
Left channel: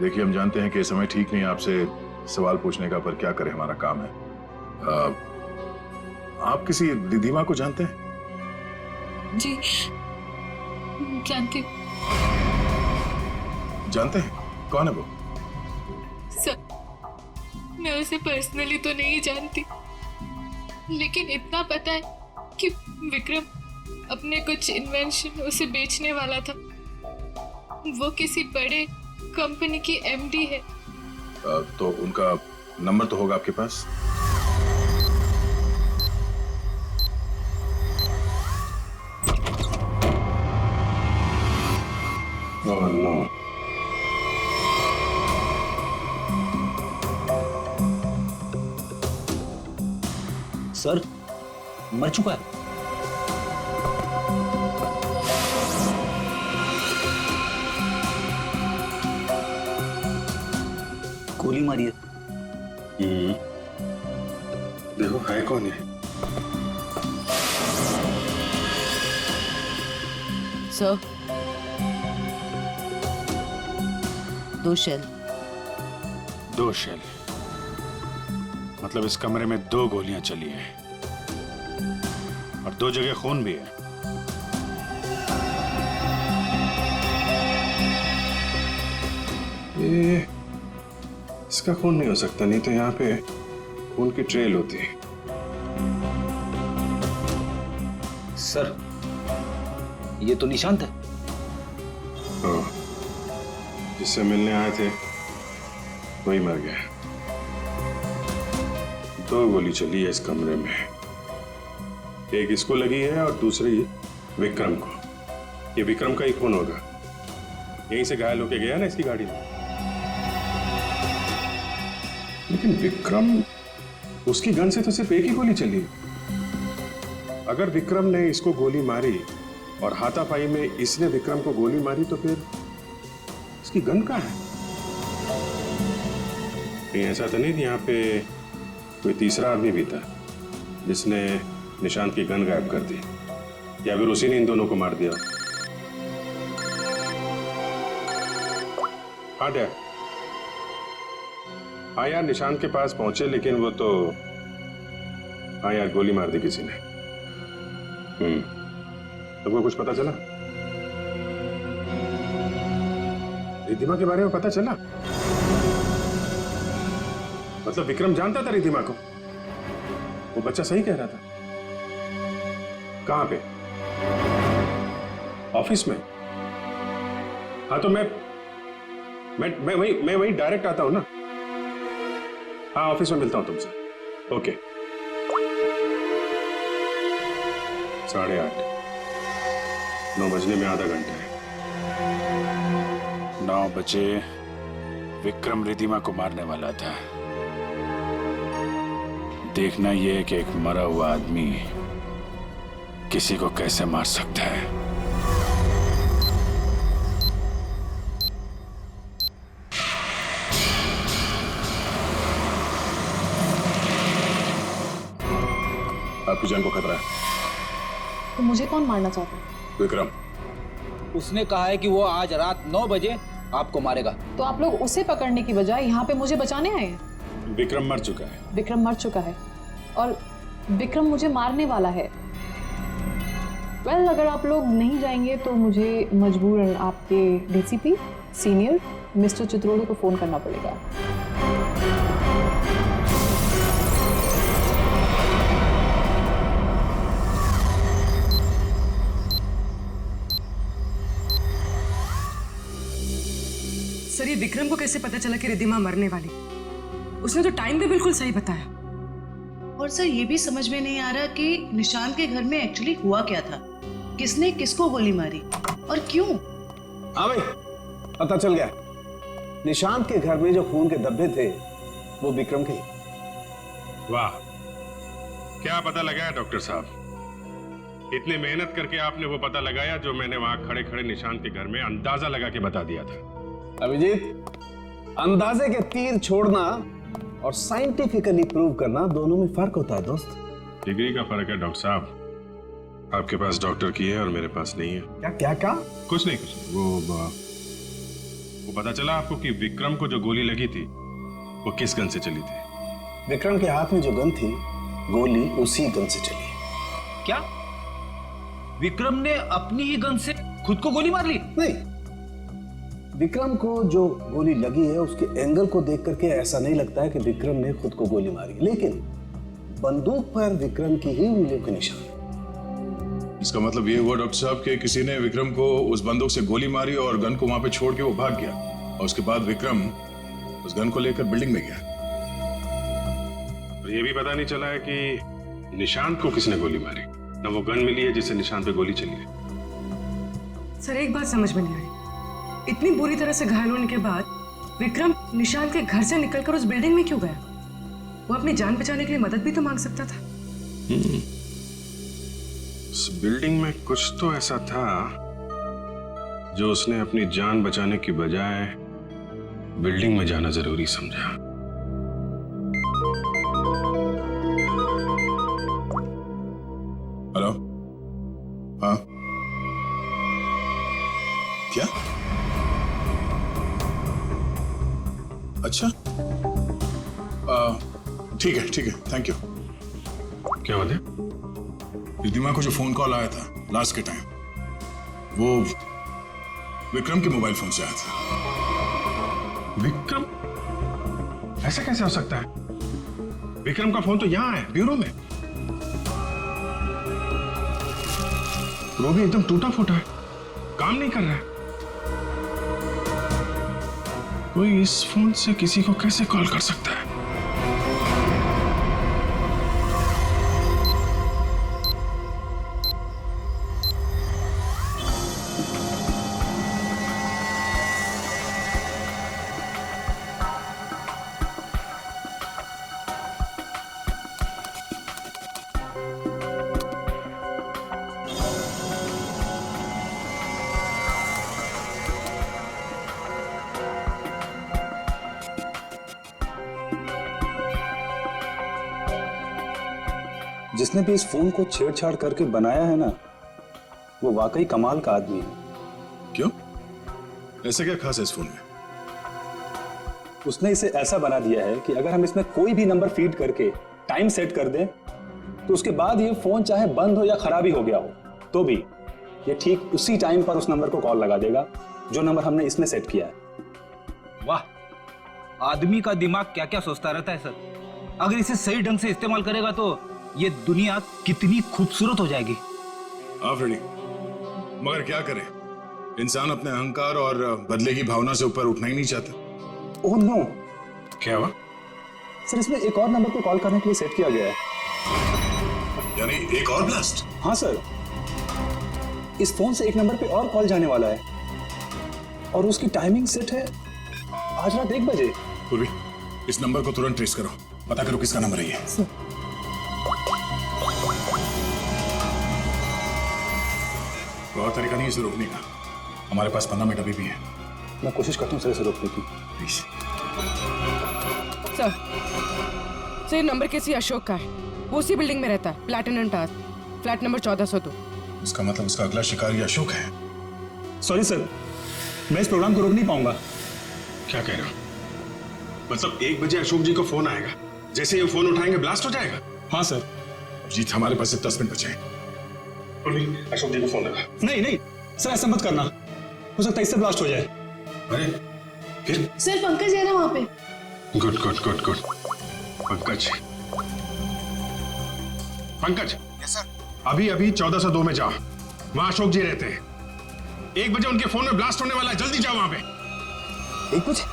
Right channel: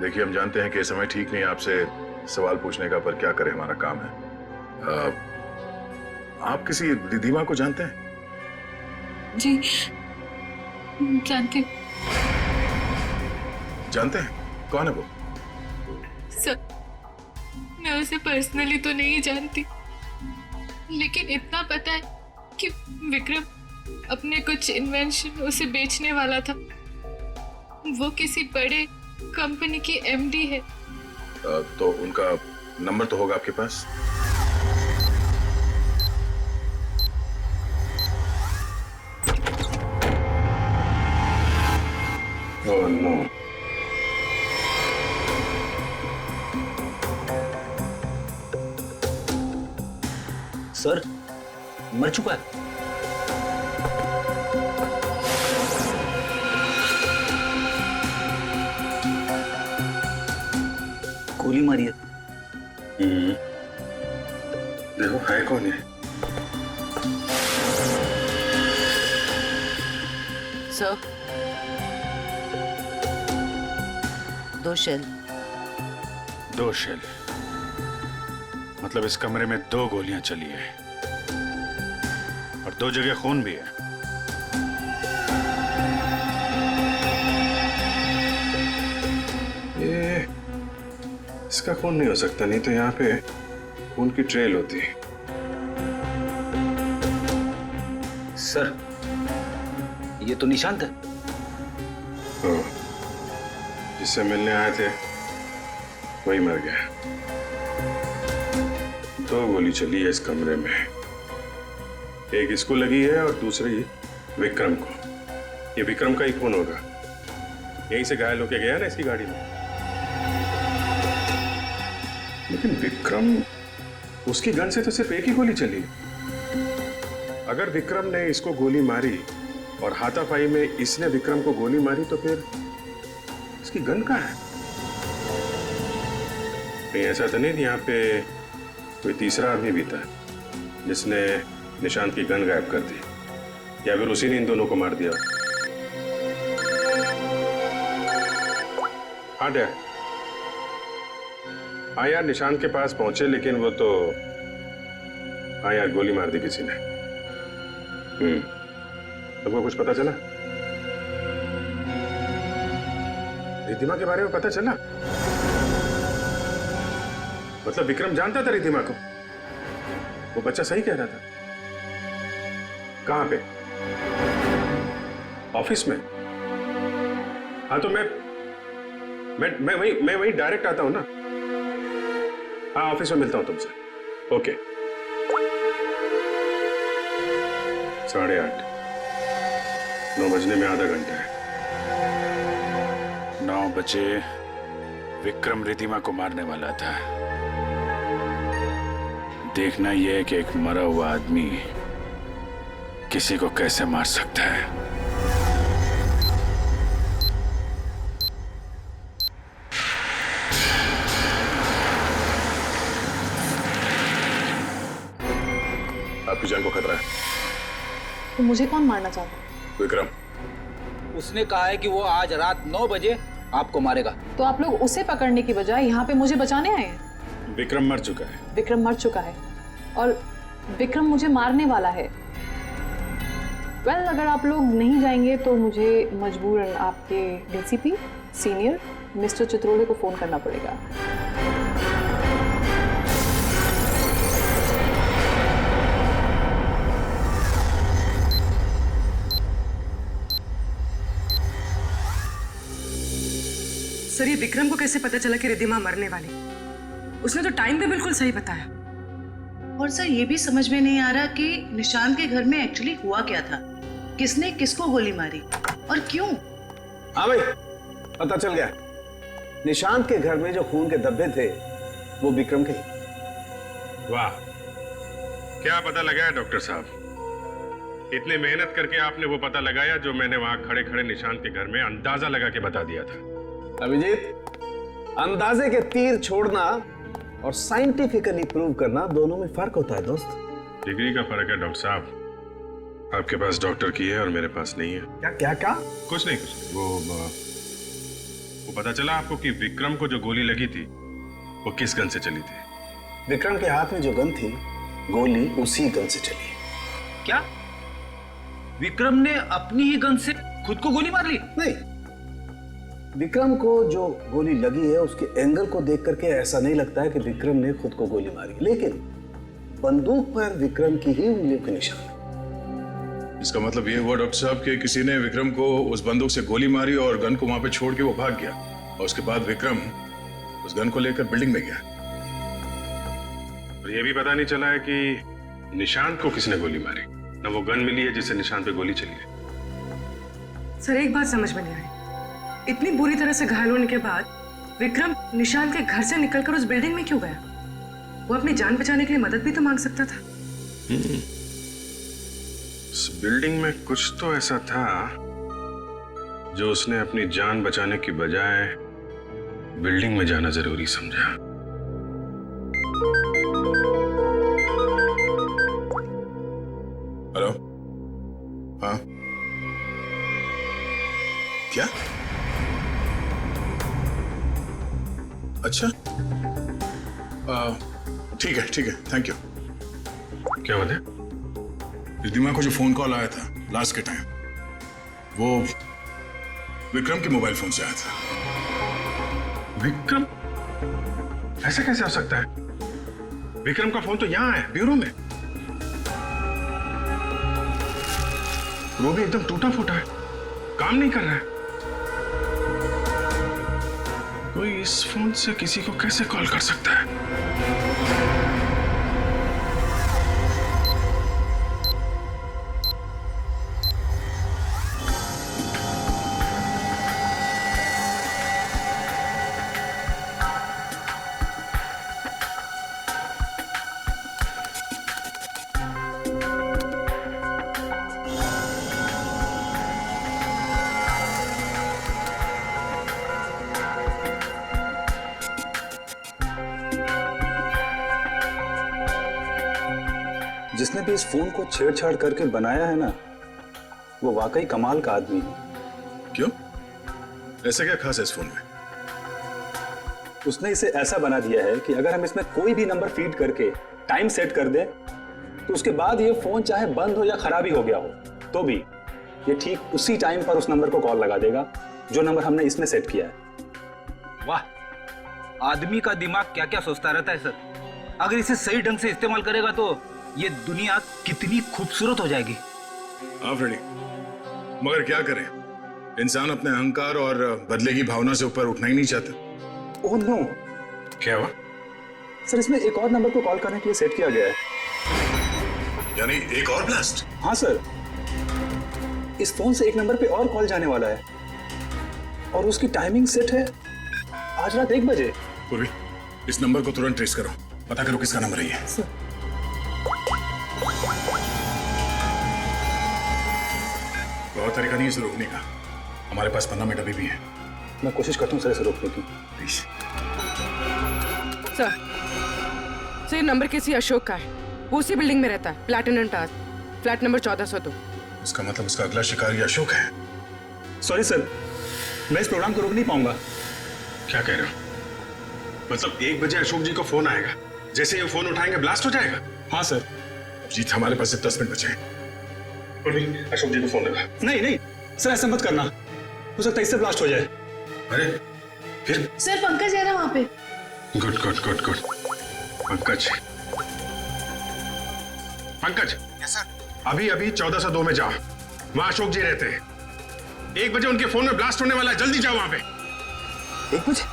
देखिए, हम जानते हैं कि इस समय ठीक नहीं आपसे सवाल पूछने का, पर क्या करें, हमारा काम है। आप किसी रिधिमा को जानते हैं? जी जानती हूँ। जानते हैं? कौन है वो? सर मैं उसे पर्सनली तो नहीं जानती, लेकिन इतना पता है कि विक्रम अपने कुछ इन्वेंशन उसे बेचने वाला था। वो किसी बड़े कंपनी की एमडी है। तो उनका नंबर तो होगा आपके पास? Oh no. सर मर चुका है। गोली मारी है। देखो है कौन है? Sir 2 shell. 2 शेल? मतलब इस कमरे में 2 गोलियां चली है और 2 जगह खून भी है। ये इसका खून नहीं हो सकता, नहीं तो यहाँ पे खून की ट्रेल होती है। सर ये तो निशांत है। जिससे मिलने आए थे वही मर गया। 2 गोली चली है इस कमरे में, एक इसको लगी है और दूसरी विक्रम को। ये विक्रम का ही खून होगा, यहीं से घायल होके गया ना इसकी गाड़ी में। लेकिन विक्रम, उसकी गन से तो सिर्फ एक ही गोली चली। अगर विक्रम ने इसको गोली मारी और हाथापाई में इसने विक्रम को गोली मारी, तो फिर इसकी गन कहाँ है? कहीं ऐसा तो नहीं यहाँ पे कोई तीसरा आदमी भी था जिसने निशांत की गन गायब कर दी, या फिर उसी ने इन दोनों को मार दिया? हाँ डैड। हाँ यार, निशांत के पास पहुंचे, लेकिन वो तो, हाँ यार, गोली मार दी किसी ने। तुमको कुछ पता चला? रिधिमा के बारे में पता चला? मतलब विक्रम जानता था रिधिमा को? वो बच्चा सही कह रहा था। कहां पे? ऑफिस में? हाँ तो मैं वहीं डायरेक्ट आता हूं ना। हाँ ऑफिस में मिलता हूं तुमसे। ओके। 8:30। 9 बजने में आधा घंटा है। 9 बजे विक्रम रिधिमा को मारने वाला था। देखना यह कि एक मरा हुआ आदमी किसी को कैसे मार सकता है। आपकी जान को खतरा है। तो मुझे कौन मारना चाहता है? विक्रम। उसने कहा है कि वो आज रात 9 बजे आपको मारेगा। तो आप लोग उसे पकड़ने की बजाय यहाँ पे मुझे बचाने आए हैं? विक्रम मर चुका है। विक्रम मर चुका है और विक्रम मुझे मारने वाला है। वेल, अगर आप लोग नहीं जाएंगे तो मुझे मजबूरन आपके डीसीपी सीनियर मिस्टर चित्रोले को फोन करना पड़ेगा। सर ये विक्रम को कैसे पता चला कि रिधिमा मरने वाली? उसने तो टाइम भी बिल्कुल सही बताया। और और सर ये भी समझ में नहीं आ रहा कि निशांत के घर में एक्चुअली हुआ क्या था, किसने किसको गोली मारी और क्यों। हाँ भाई, पता चल गया। निशांत के घर में जो खून के धब्बे थे वो विक्रम के। वाह, क्या पता लगाया डॉक्टर साहब? इतनी मेहनत करके आपने वो पता लगाया जो मैंने वहां खड़े खड़े निशांत के घर में अंदाजा लगा के बता दिया था। अभिजीत, अंदाजे के तीर छोड़ना और साइंटिफिकली प्रूव करना दोनों में फर्क होता है दोस्त। डिग्री का फर्क है डॉक्टर साहब। आपके पास डॉक्टर की है और मेरे पास नहीं है। क्या क्या क्या? कुछ नहीं कुछ नहीं। वो पता चला आपको कि विक्रम को जो गोली लगी थी वो किस गन से चली थी? विक्रम के हाथ में जो गन थी, गोली उसी गन से चली। क्या विक्रम ने अपनी ही गन से खुद को गोली मार ली? नहीं, विक्रम को जो गोली लगी है उसके एंगल को देख करके ऐसा नहीं लगता है कि विक्रम ने खुद को गोली मारी, लेकिन बंदूक पर विक्रम की ही उंगलियों के निशान। इसका मतलब ये हुआ डॉक्टर साहब कि किसी ने विक्रम को उस बंदूक से गोली मारी और गन को वहां पे छोड़ के वो भाग गया, और उसके बाद विक्रम उस गन को लेकर बिल्डिंग में गया। और ये भी पता नहीं चला है कि निशांत को किसने गोली मारी, ना वो गन मिली है जिससे निशांत पे गोली चली है। सर एक बात समझ में नहीं आई, इतनी बुरी तरह से घायल होने के बाद विक्रम निशांत के घर से निकलकर उस बिल्डिंग में क्यों गया? वो अपनी जान बचाने के लिए मदद भी तो मांग सकता था। उस बिल्डिंग में कुछ तो ऐसा था जो उसने अपनी जान बचाने की बजाय बिल्डिंग में जाना जरूरी समझा। हेलो, हाँ क्या? अच्छा, ठीक है, थैंक यू। क्या बात है? रिद्धिमा को जो फोन कॉल आया था लास्ट के टाइम, वो विक्रम के मोबाइल फोन से आया था। विक्रम? ऐसा कैसे हो सकता है? विक्रम का फोन तो यहां है, ब्यूरो में। वो भी एकदम टूटा फूटा है, काम नहीं कर रहा है। कोई इस फोन से किसी को कैसे कॉल कर सकता है? जिसने भी इस फोन को छेड़छाड़ करके बनाया है ना, वो वाकई कमाल का आदमी है। क्यों? ऐसा क्या खास है इस फोन में? उसने इसे ऐसा बना दिया है कि अगर हम इसमें कोई भी नंबर फीड करके टाइम सेट कर दें, तो उसके बाद ये फोन चाहे बंद हो या खराबी हो गया हो, तो भी ये ठीक उसी टाइम पर उस नंबर को कॉल लगा देगा जो नंबर हमने इसमें सेट किया है। वाह, आदमी का दिमाग क्या क्या सोचता रहता है सर। अगर इसे सही ढंग से इस्तेमाल करेगा तो ये दुनिया कितनी खूबसूरत हो जाएगी। हाँ फ्रेडी, मगर क्या करें, इंसान अपने अहंकार और बदले की भावना से ऊपर उठना ही नहीं चाहता। Oh no. क्या हुआ? सर, इसमें एक और नंबर को कॉल करने के लिए सेट किया गया है। यानी एक और ब्लास्ट? हाँ सर, इस फोन से एक नंबर पे और कॉल जाने वाला है और उसकी टाइमिंग सेट है आज रात 1 बजे। पूर्वी, इस नंबर को तुरंत ट्रेस करो, पता करो किसका नंबर है ये। बहुत तरीका नहीं है इसे रोकने का, हमारे पास 15 मिनट अभी भी है। मैं कोशिश करता हूँ सर इसे रोकने की। प्लीज। सर ये नंबर किसी अशोक का है, वो उसी बिल्डिंग में रहता है, प्लैटिनम टावर, फ्लैट नंबर 1402। इसका मतलब उसका अगला शिकारी अशोक है। सॉरी सर, मैं इस प्रोग्राम को रोक नहीं पाऊंगा। क्या कह रहे हो? मतलब 1 बजे अशोक जी को फोन आएगा, जैसे ये फोन उठाएंगे ब्लास्ट हो जाएगा? हाँ सर। जीत, हमारे पास सिर्फ 10 मिनट बचे हैं। अशोक जी को फोन लगा। नहीं नहीं सर, ऐसा मत करना, हो सकता है इससे ब्लास्ट हो जाए। अरे फिर? सर पंकज है ना वहाँ पे। Good good good good. Pankaj, Pankaj. Yes sir. अभी अभी 1402 में जाओ, वहां अशोक जी रहते हैं। 1 बजे उनके फोन में ब्लास्ट होने वाला है, जल्दी जाओ वहां पे। 1 बजे?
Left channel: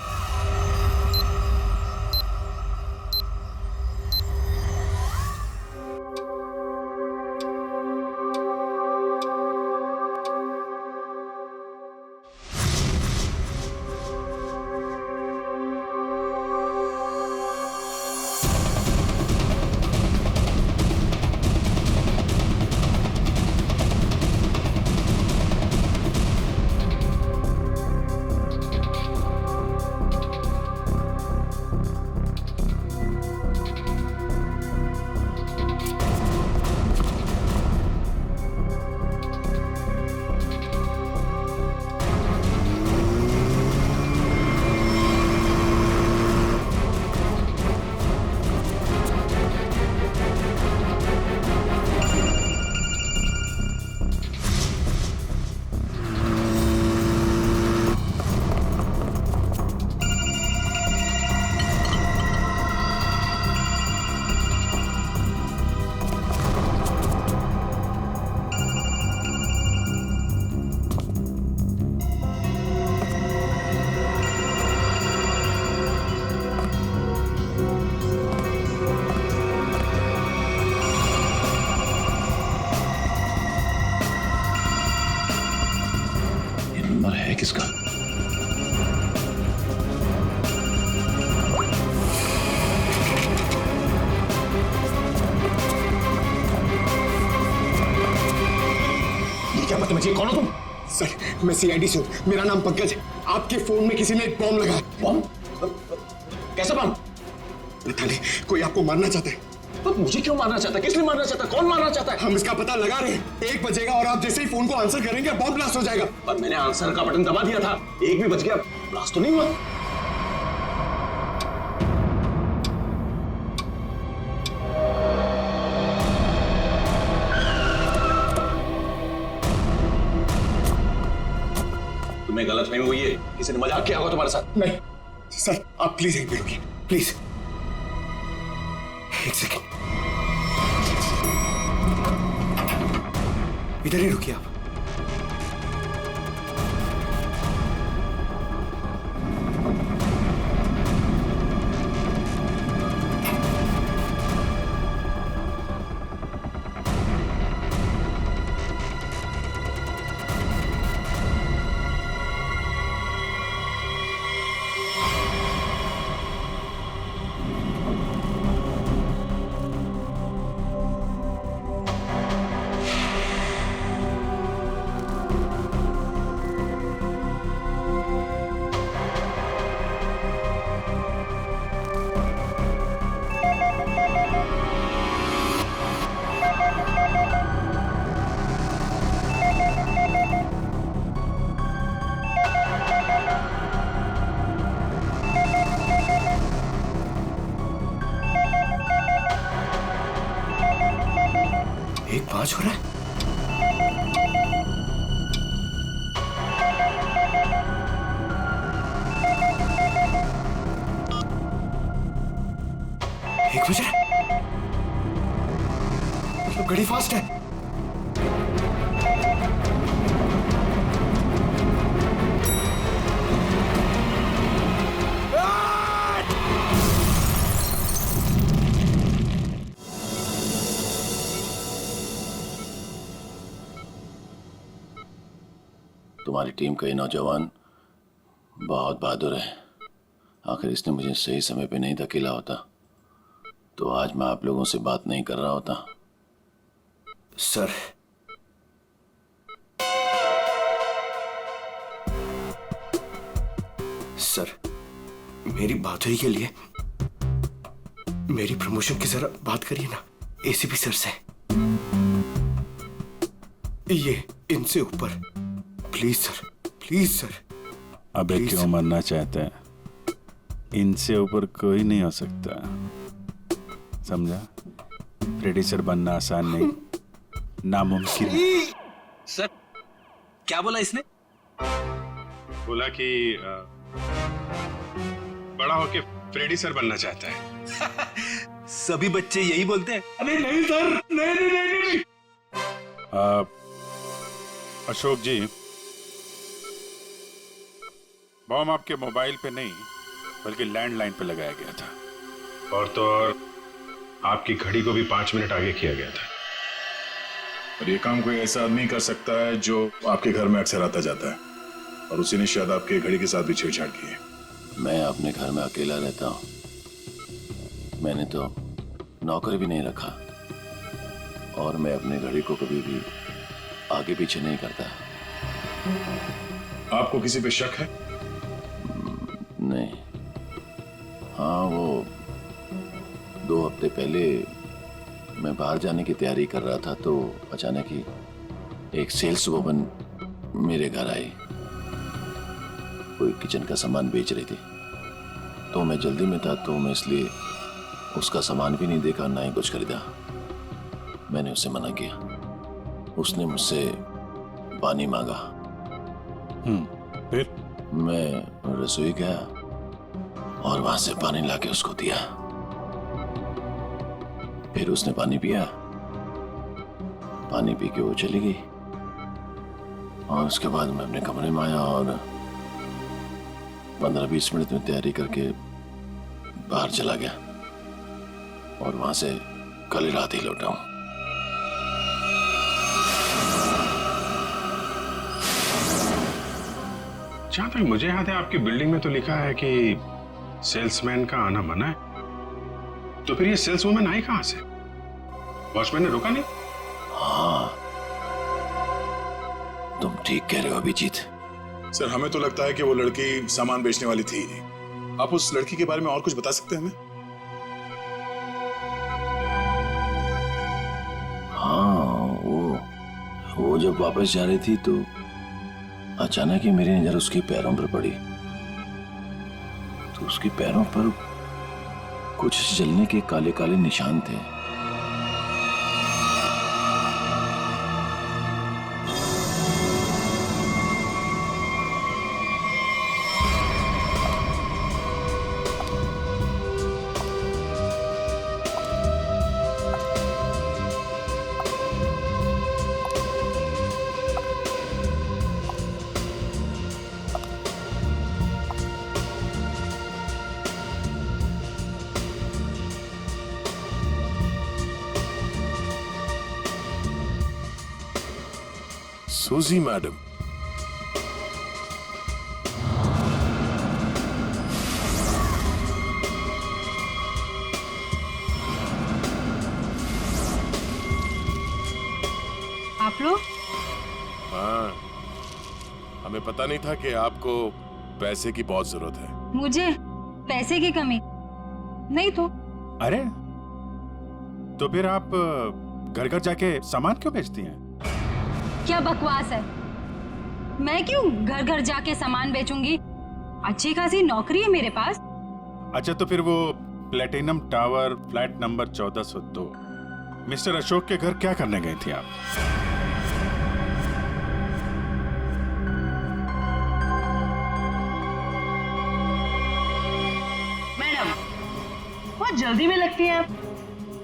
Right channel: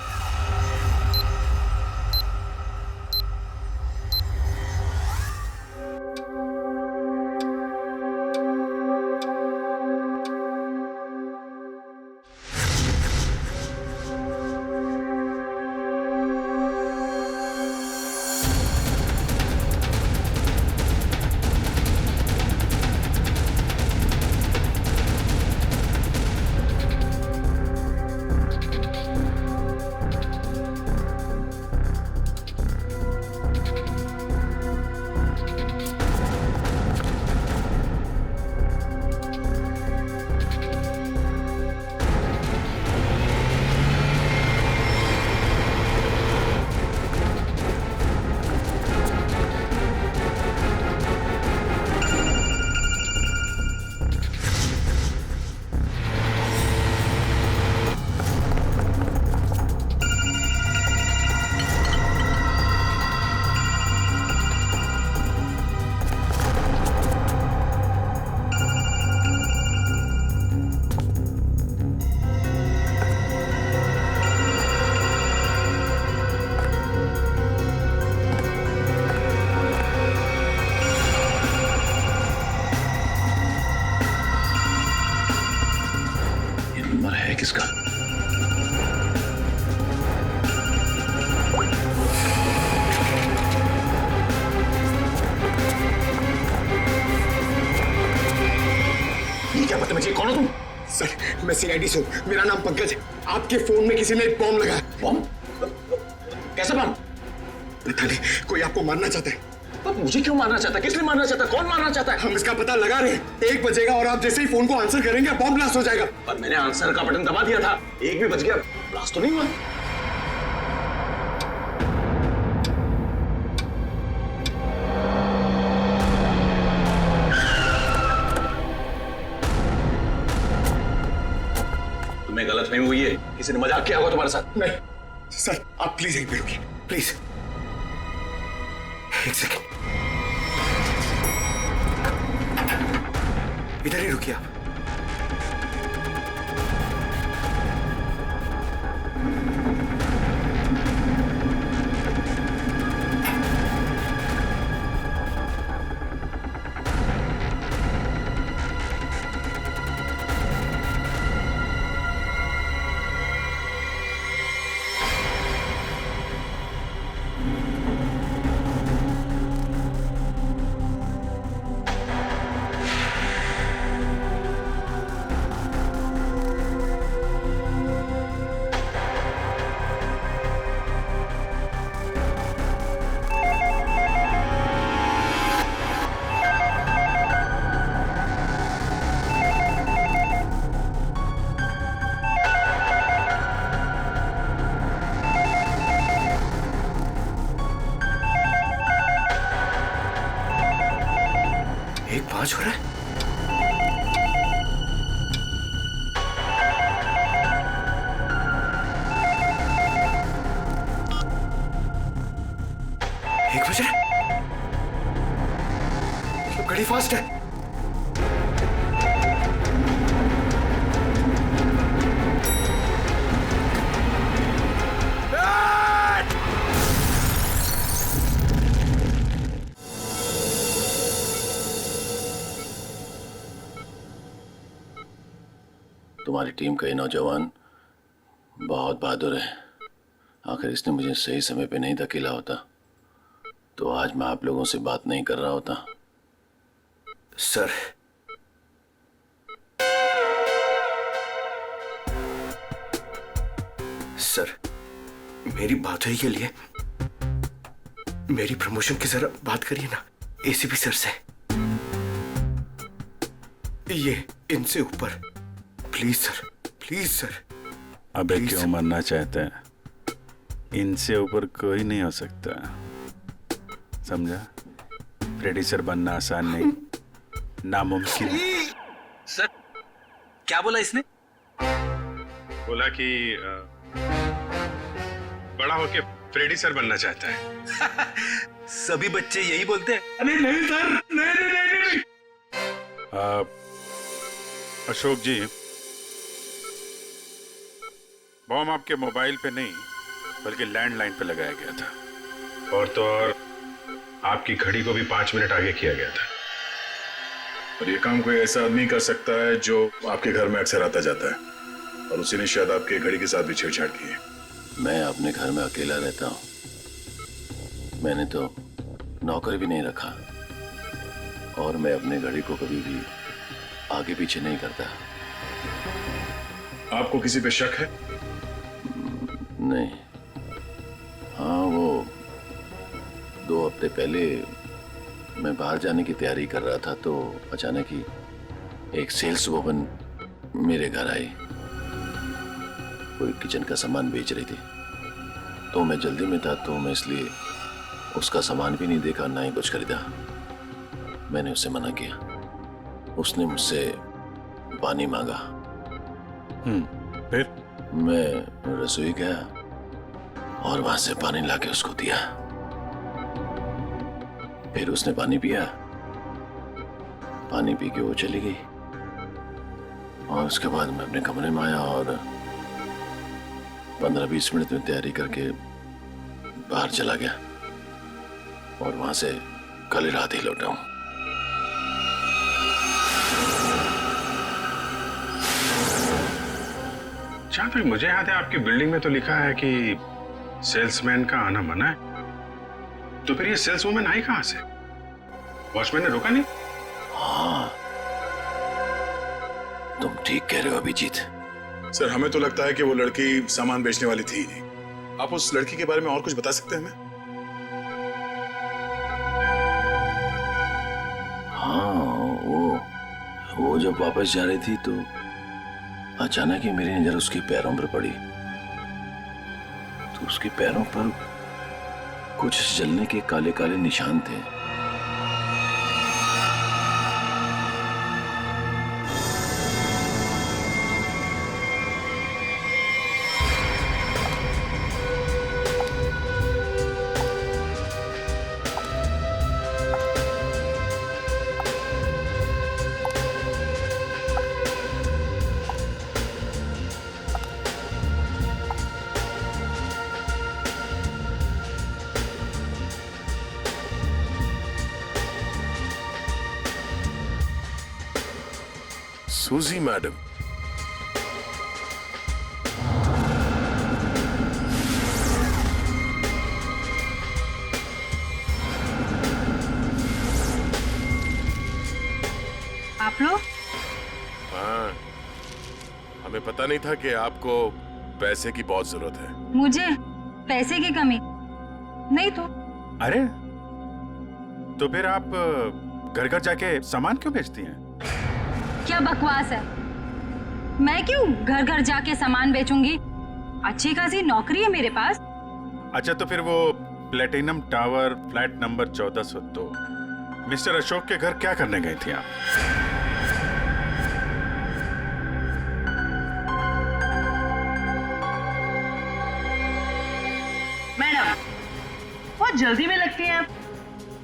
नंबर है किसका? ये क्या बदतमीजी, कौन हो तुम? सर, मैं सीआईडी से हूँ। मेरा नाम पंकज है। आपके फोन में किसी ने एक बॉम्ब लगाया। बॉम्ब? कैसा बॉम्ब? पता नहीं, कोई आपको मारना चाहता है। तो मुझे क्यों मारना चाहता है? किस लिए मारना चाहता है? कौन मारना चाहता है? हम इसका पता लगा रहे हैं। 1 बजेगा और आप जैसे ही फोन को आंसर करेंगे बॉम्ब ब्लास्ट हो जाएगा। पर मैंने आंसर का बटन दबा दिया था। 1 भी बज गया, ब्लास्ट तो नहीं हुआ। तुम्हें गलतफहमी हुई है, किसी ने मजाक किया होगा तुम्हारे साथ। नहीं सर, आप प्लीज यहीं पे रुकिए, प्लीज। 1 सेकेंड, इधर ही रुकिए आप। एक 5 हो रहा है। एक बज रहा है, मतलब घड़ी फास्ट है। तुम्हारी टीम का ये नौजवान बहुत बहादुर है। आखिर इसने मुझे सही समय पे नहीं धकेला होता तो आज मैं आप लोगों से बात नहीं कर रहा होता। सर, सर, मेरी बात हुई के लिए मेरी प्रमोशन की जरा बात करिए ना एसीपी सर से। ये इनसे ऊपर, प्लीज सर, प्लीज सर। अबे क्यों मरना चाहते हैं? इनसे ऊपर कोई नहीं हो सकता, समझा? फ्रेडी सर बनना आसान नहीं, नामुमकिन है। सर, क्या बोला इसने? बोला कि बड़ा होके फ्रेडी सर बनना चाहता है। सभी बच्चे यही बोलते हैं। अरे नहीं सर, नहीं। अशोक जी, बॉम्ब आपके मोबाइल पे नहीं बल्कि लैंडलाइन पे लगाया गया था। और तो और आपकी घड़ी को भी 5 मिनट आगे किया गया था। और ये काम कोई ऐसा आदमी कर सकता है जो आपके घर में अक्सर आता जाता है, और उसी ने शायद आपके घड़ी के साथ भी छेड़छाड़ की है। मैं अपने घर में अकेला रहता हूँ, मैंने तो नौकर भी नहीं रखा, और मैं अपने घड़ी को कभी भी आगे पीछे नहीं करता। आपको किसी पे शक है? नहीं। हाँ, वो 2 हफ्ते पहले मैं बाहर जाने की तैयारी कर रहा था तो अचानक ही एक सेल्स वुमन मेरे घर आई। कोई किचन का सामान बेच रही थी, तो मैं जल्दी में था तो मैं इसलिए उसका सामान भी नहीं देखा, ना ही कुछ खरीदा। मैंने उसे मना किया। उसने मुझसे पानी मांगा। फिर मैं रसोई गया और वहां से पानी लाके उसको दिया। फिर उसने पानी पिया, पानी पी के वो चली गई। और उसके बाद मैं अपने कमरे में आया और 15-20 मिनट में तैयारी करके बाहर चला गया, और वहां से कल रात ही लौटा हूं। जहां तक मुझे याद है आपकी बिल्डिंग में तो लिखा है कि सेल्समैन का आना मना है, तो फिर ये सेल्सवुमन आई कहां से? वॉचमैन ने रोका नहीं? हाँ, तुम ठीक कह रहे हो अभिजीत। सर हमें तो लगता है कि वो लड़की सामान बेचने वाली थी ही नहीं। आप उस लड़की के बारे में और कुछ बता सकते हैं हमें? हाँ, वो जब वापस जा रही थी तो अचानक ही मेरी नजर उसके पैरों पर पड़ी, तो उसके पैरों पर कुछ जलने के काले काले निशान थे। सूजी मैडम, आप लोग? हाँ, हमें पता नहीं था कि आपको पैसे की बहुत जरूरत है। मुझे पैसे की कमी नहीं तो। अरे तो फिर आप घर घर जाके सामान क्यों बेचती हैं? क्या बकवास है, मैं क्यों घर घर जाके सामान बेचूंगी? अच्छी खासी नौकरी है मेरे पास। अच्छा तो फिर वो platinum tower flat number 1402 mister Ashok के घर क्या करने गई थी आप? मैडम बहुत जल्दी में लगती हैं आप,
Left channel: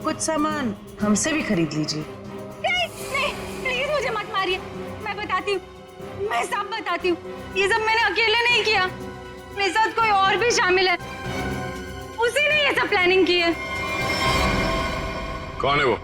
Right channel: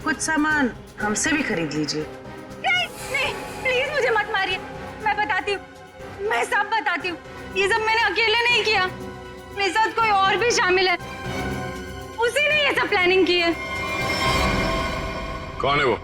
कुछ सामान हमसे भी खरीद लीजिए। नहीं, प्लीज मुझे मत मारिए, मैं बताती हूँ, मैं सब बताती हूँ। ये सब मैंने अकेले नहीं किया, मेरे साथ कोई और भी शामिल है, उसी ने ये सब प्लानिंग की है। कौन है वो?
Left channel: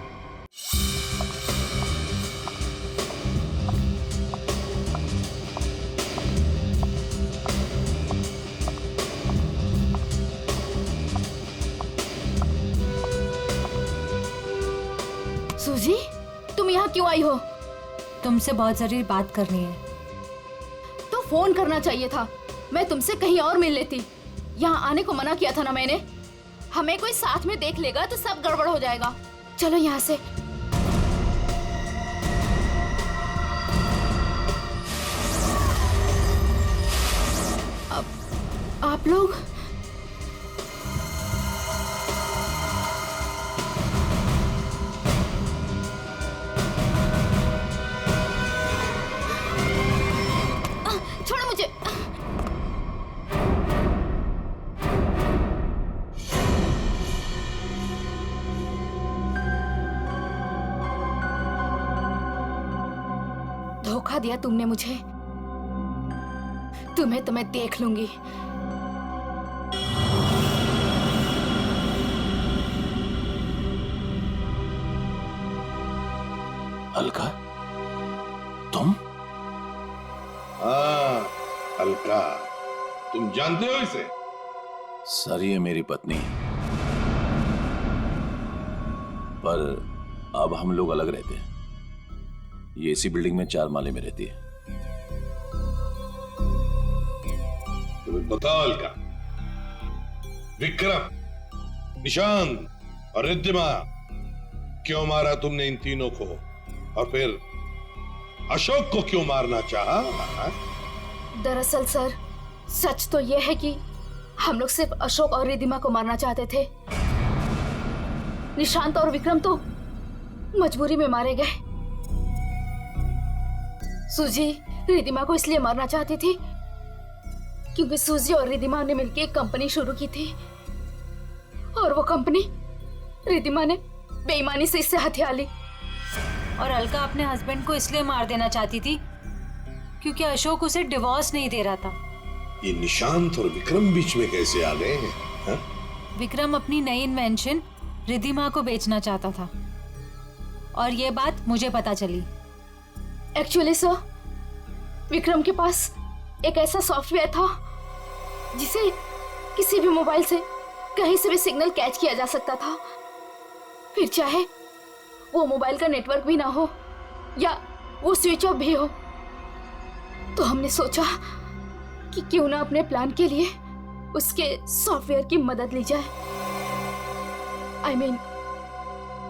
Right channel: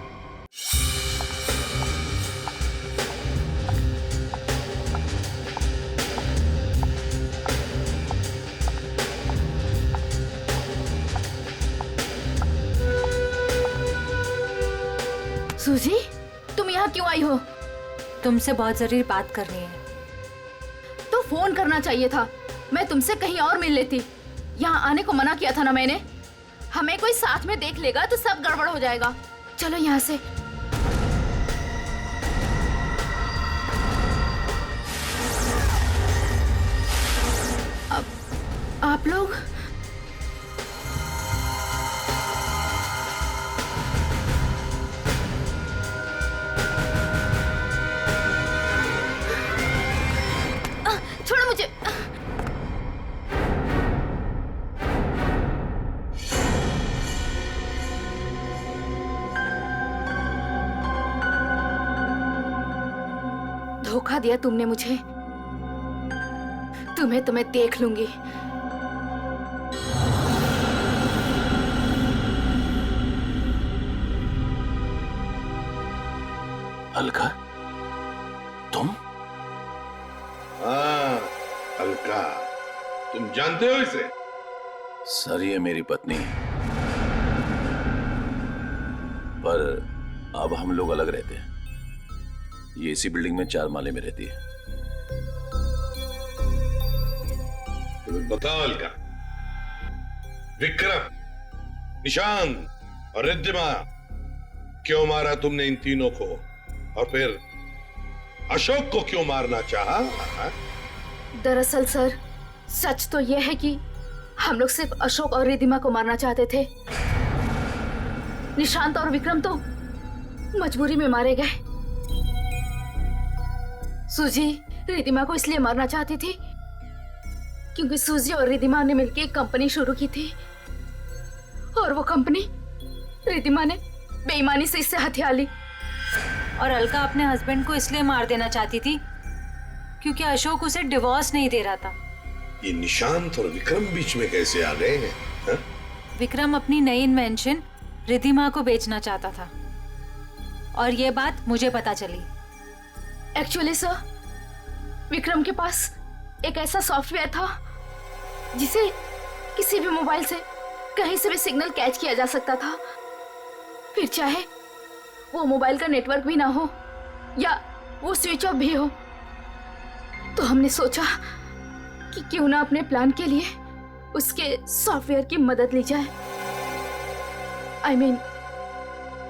सूजी, तुम यहाँ क्यों आई हो? तुमसे बहुत जरूरी बात करनी है। तो फोन करना चाहिए था, मैं तुमसे कहीं और मिल लेती। यहाँ आने को मना किया था ना मैंने। हमें कोई साथ में देख लेगा तो सब गड़बड़ हो जाएगा। चलो यहाँ से। अब आप लोग छोड़ो मुझे। धोखा दिया तुमने मुझे, तुम्हें तो मैं देख लूंगी। अलका, तुम? हाँ अलका, तुम जानते हो इसे? सर ये मेरी पत्नी है, पर अब हम लोग अलग रहते हैं। ये इसी बिल्डिंग में 4 माले में रहती है। तो बताओ अलका, विक्रम, निशांत और रिद्धिमा क्यों मारा तुमने इन तीनों को? और फिर अशोक को क्यों मारना चाहा? दरअसल सर, सच तो यह है कि हम लोग सिर्फ अशोक और रिद्धिमा को मारना चाहते थे। निशांत और विक्रम तो मजबूरी में मारे गए। सूजी रिद्धिमा को इसलिए मारना चाहती थी क्योंकि सूजी और रिद्धिमा ने मिलकर एक कंपनी शुरू की थी, और वो कंपनी रिद्धिमा ने बेईमानी से इससे हथिया ली। और अलका अपने हस्बैंड को इसलिए मार देना चाहती थी क्योंकि अशोक उसे डिवोर्स नहीं दे रहा था। ये निशांत और विक्रम बीच में कैसे आ गए हैं? हा? विक्रम अपनी नई इन्वेंशन रिद्धिमा को बेचना चाहता था, और ये बात मुझे पता चली। एक्चुअली सर, विक्रम के पास एक ऐसा सॉफ्टवेयर था जिसे किसी भी मोबाइल से कहीं से भी सिग्नल कैच किया जा सकता था, फिर चाहे वो मोबाइल का नेटवर्क भी ना हो या वो स्विच ऑफ भी हो। तो हमने सोचा कि क्यों ना अपने प्लान के लिए उसके सॉफ्टवेयर की मदद ली जाए। I mean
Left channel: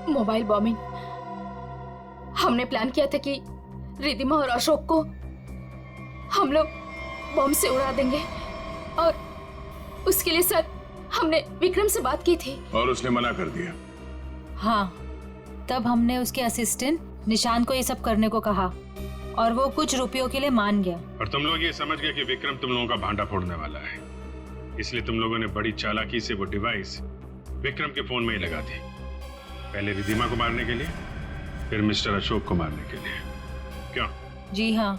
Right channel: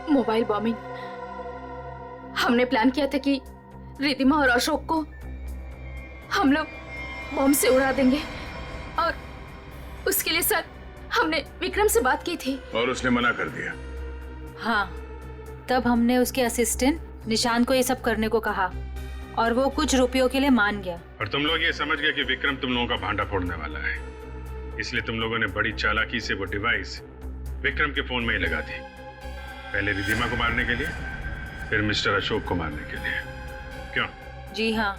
mobile bombing. हमने प्लान किया था कि रिद्धिमा और अशोक को हम लोग बॉम्ब से उड़ा देंगे और उसके लिए सर हमने विक्रम से बात की थी और उसने मना कर दिया। हाँ, तब हमने उसके असिस्टेंट निशान को ये सब करने को कहा और वो कुछ रुपयों के लिए मान गया। और तुम लोग ये समझ गए कि विक्रम तुम लोगों का भांडा फोड़ने वाला है, इसलिए तुम लोगों ने बड़ी चालाकी से वो डिवाइस विक्रम के फोन में ही लगा दी। पहले रिद्धिमा को मारने के लिए, फिर मिस्टर अशोक को मारने के लिए। क्यों? जी हाँ,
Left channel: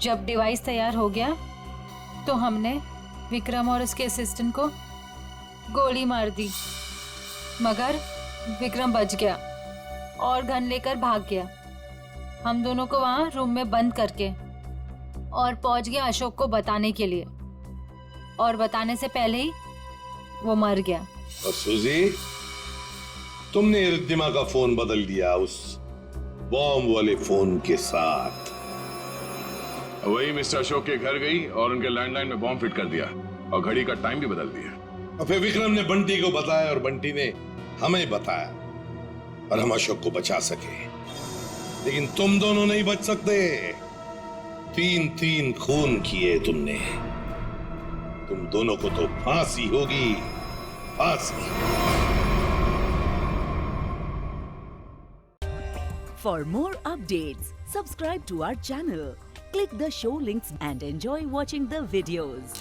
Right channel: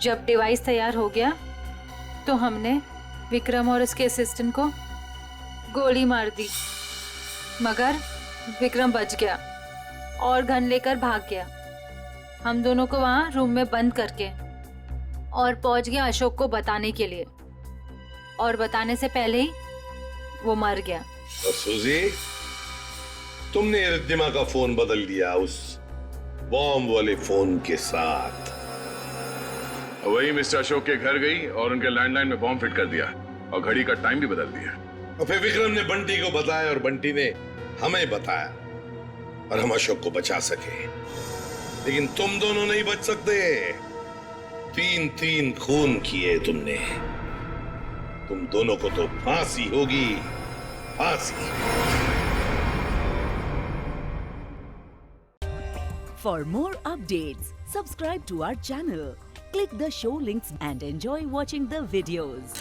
जब डिवाइस तैयार हो गया तो हमने विक्रम और उसके असिस्टेंट को गोली मार दी, मगर विक्रम बच गया और गन लेकर भाग गया। हम दोनों को वहां रूम में बंद करके और पहुंच गया अशोक को बताने के लिए, और बताने से पहले ही वो मर गया। और सूजी, तुमने रिद्धिमा का फोन बदल दिया उस बॉम्ब वाले फोन के साथ। वही मिस्टर अशोक के घर गई और उनके लैंडलाइन में बॉम्ब फिट कर दिया और घड़ी का टाइम भी बदल दिया। और फिर विक्रम ने बंटी को बताया और बंटी ने हमें बताया और हम अशोक को बचा सके। लेकिन तुम दोनों नहीं बच सकते। 3-3 खून किए तुमने। तुम दोनों को तो फांसी होगी, फांसी। For more updates, subscribe to our channel, click the show links and enjoy watching the videos.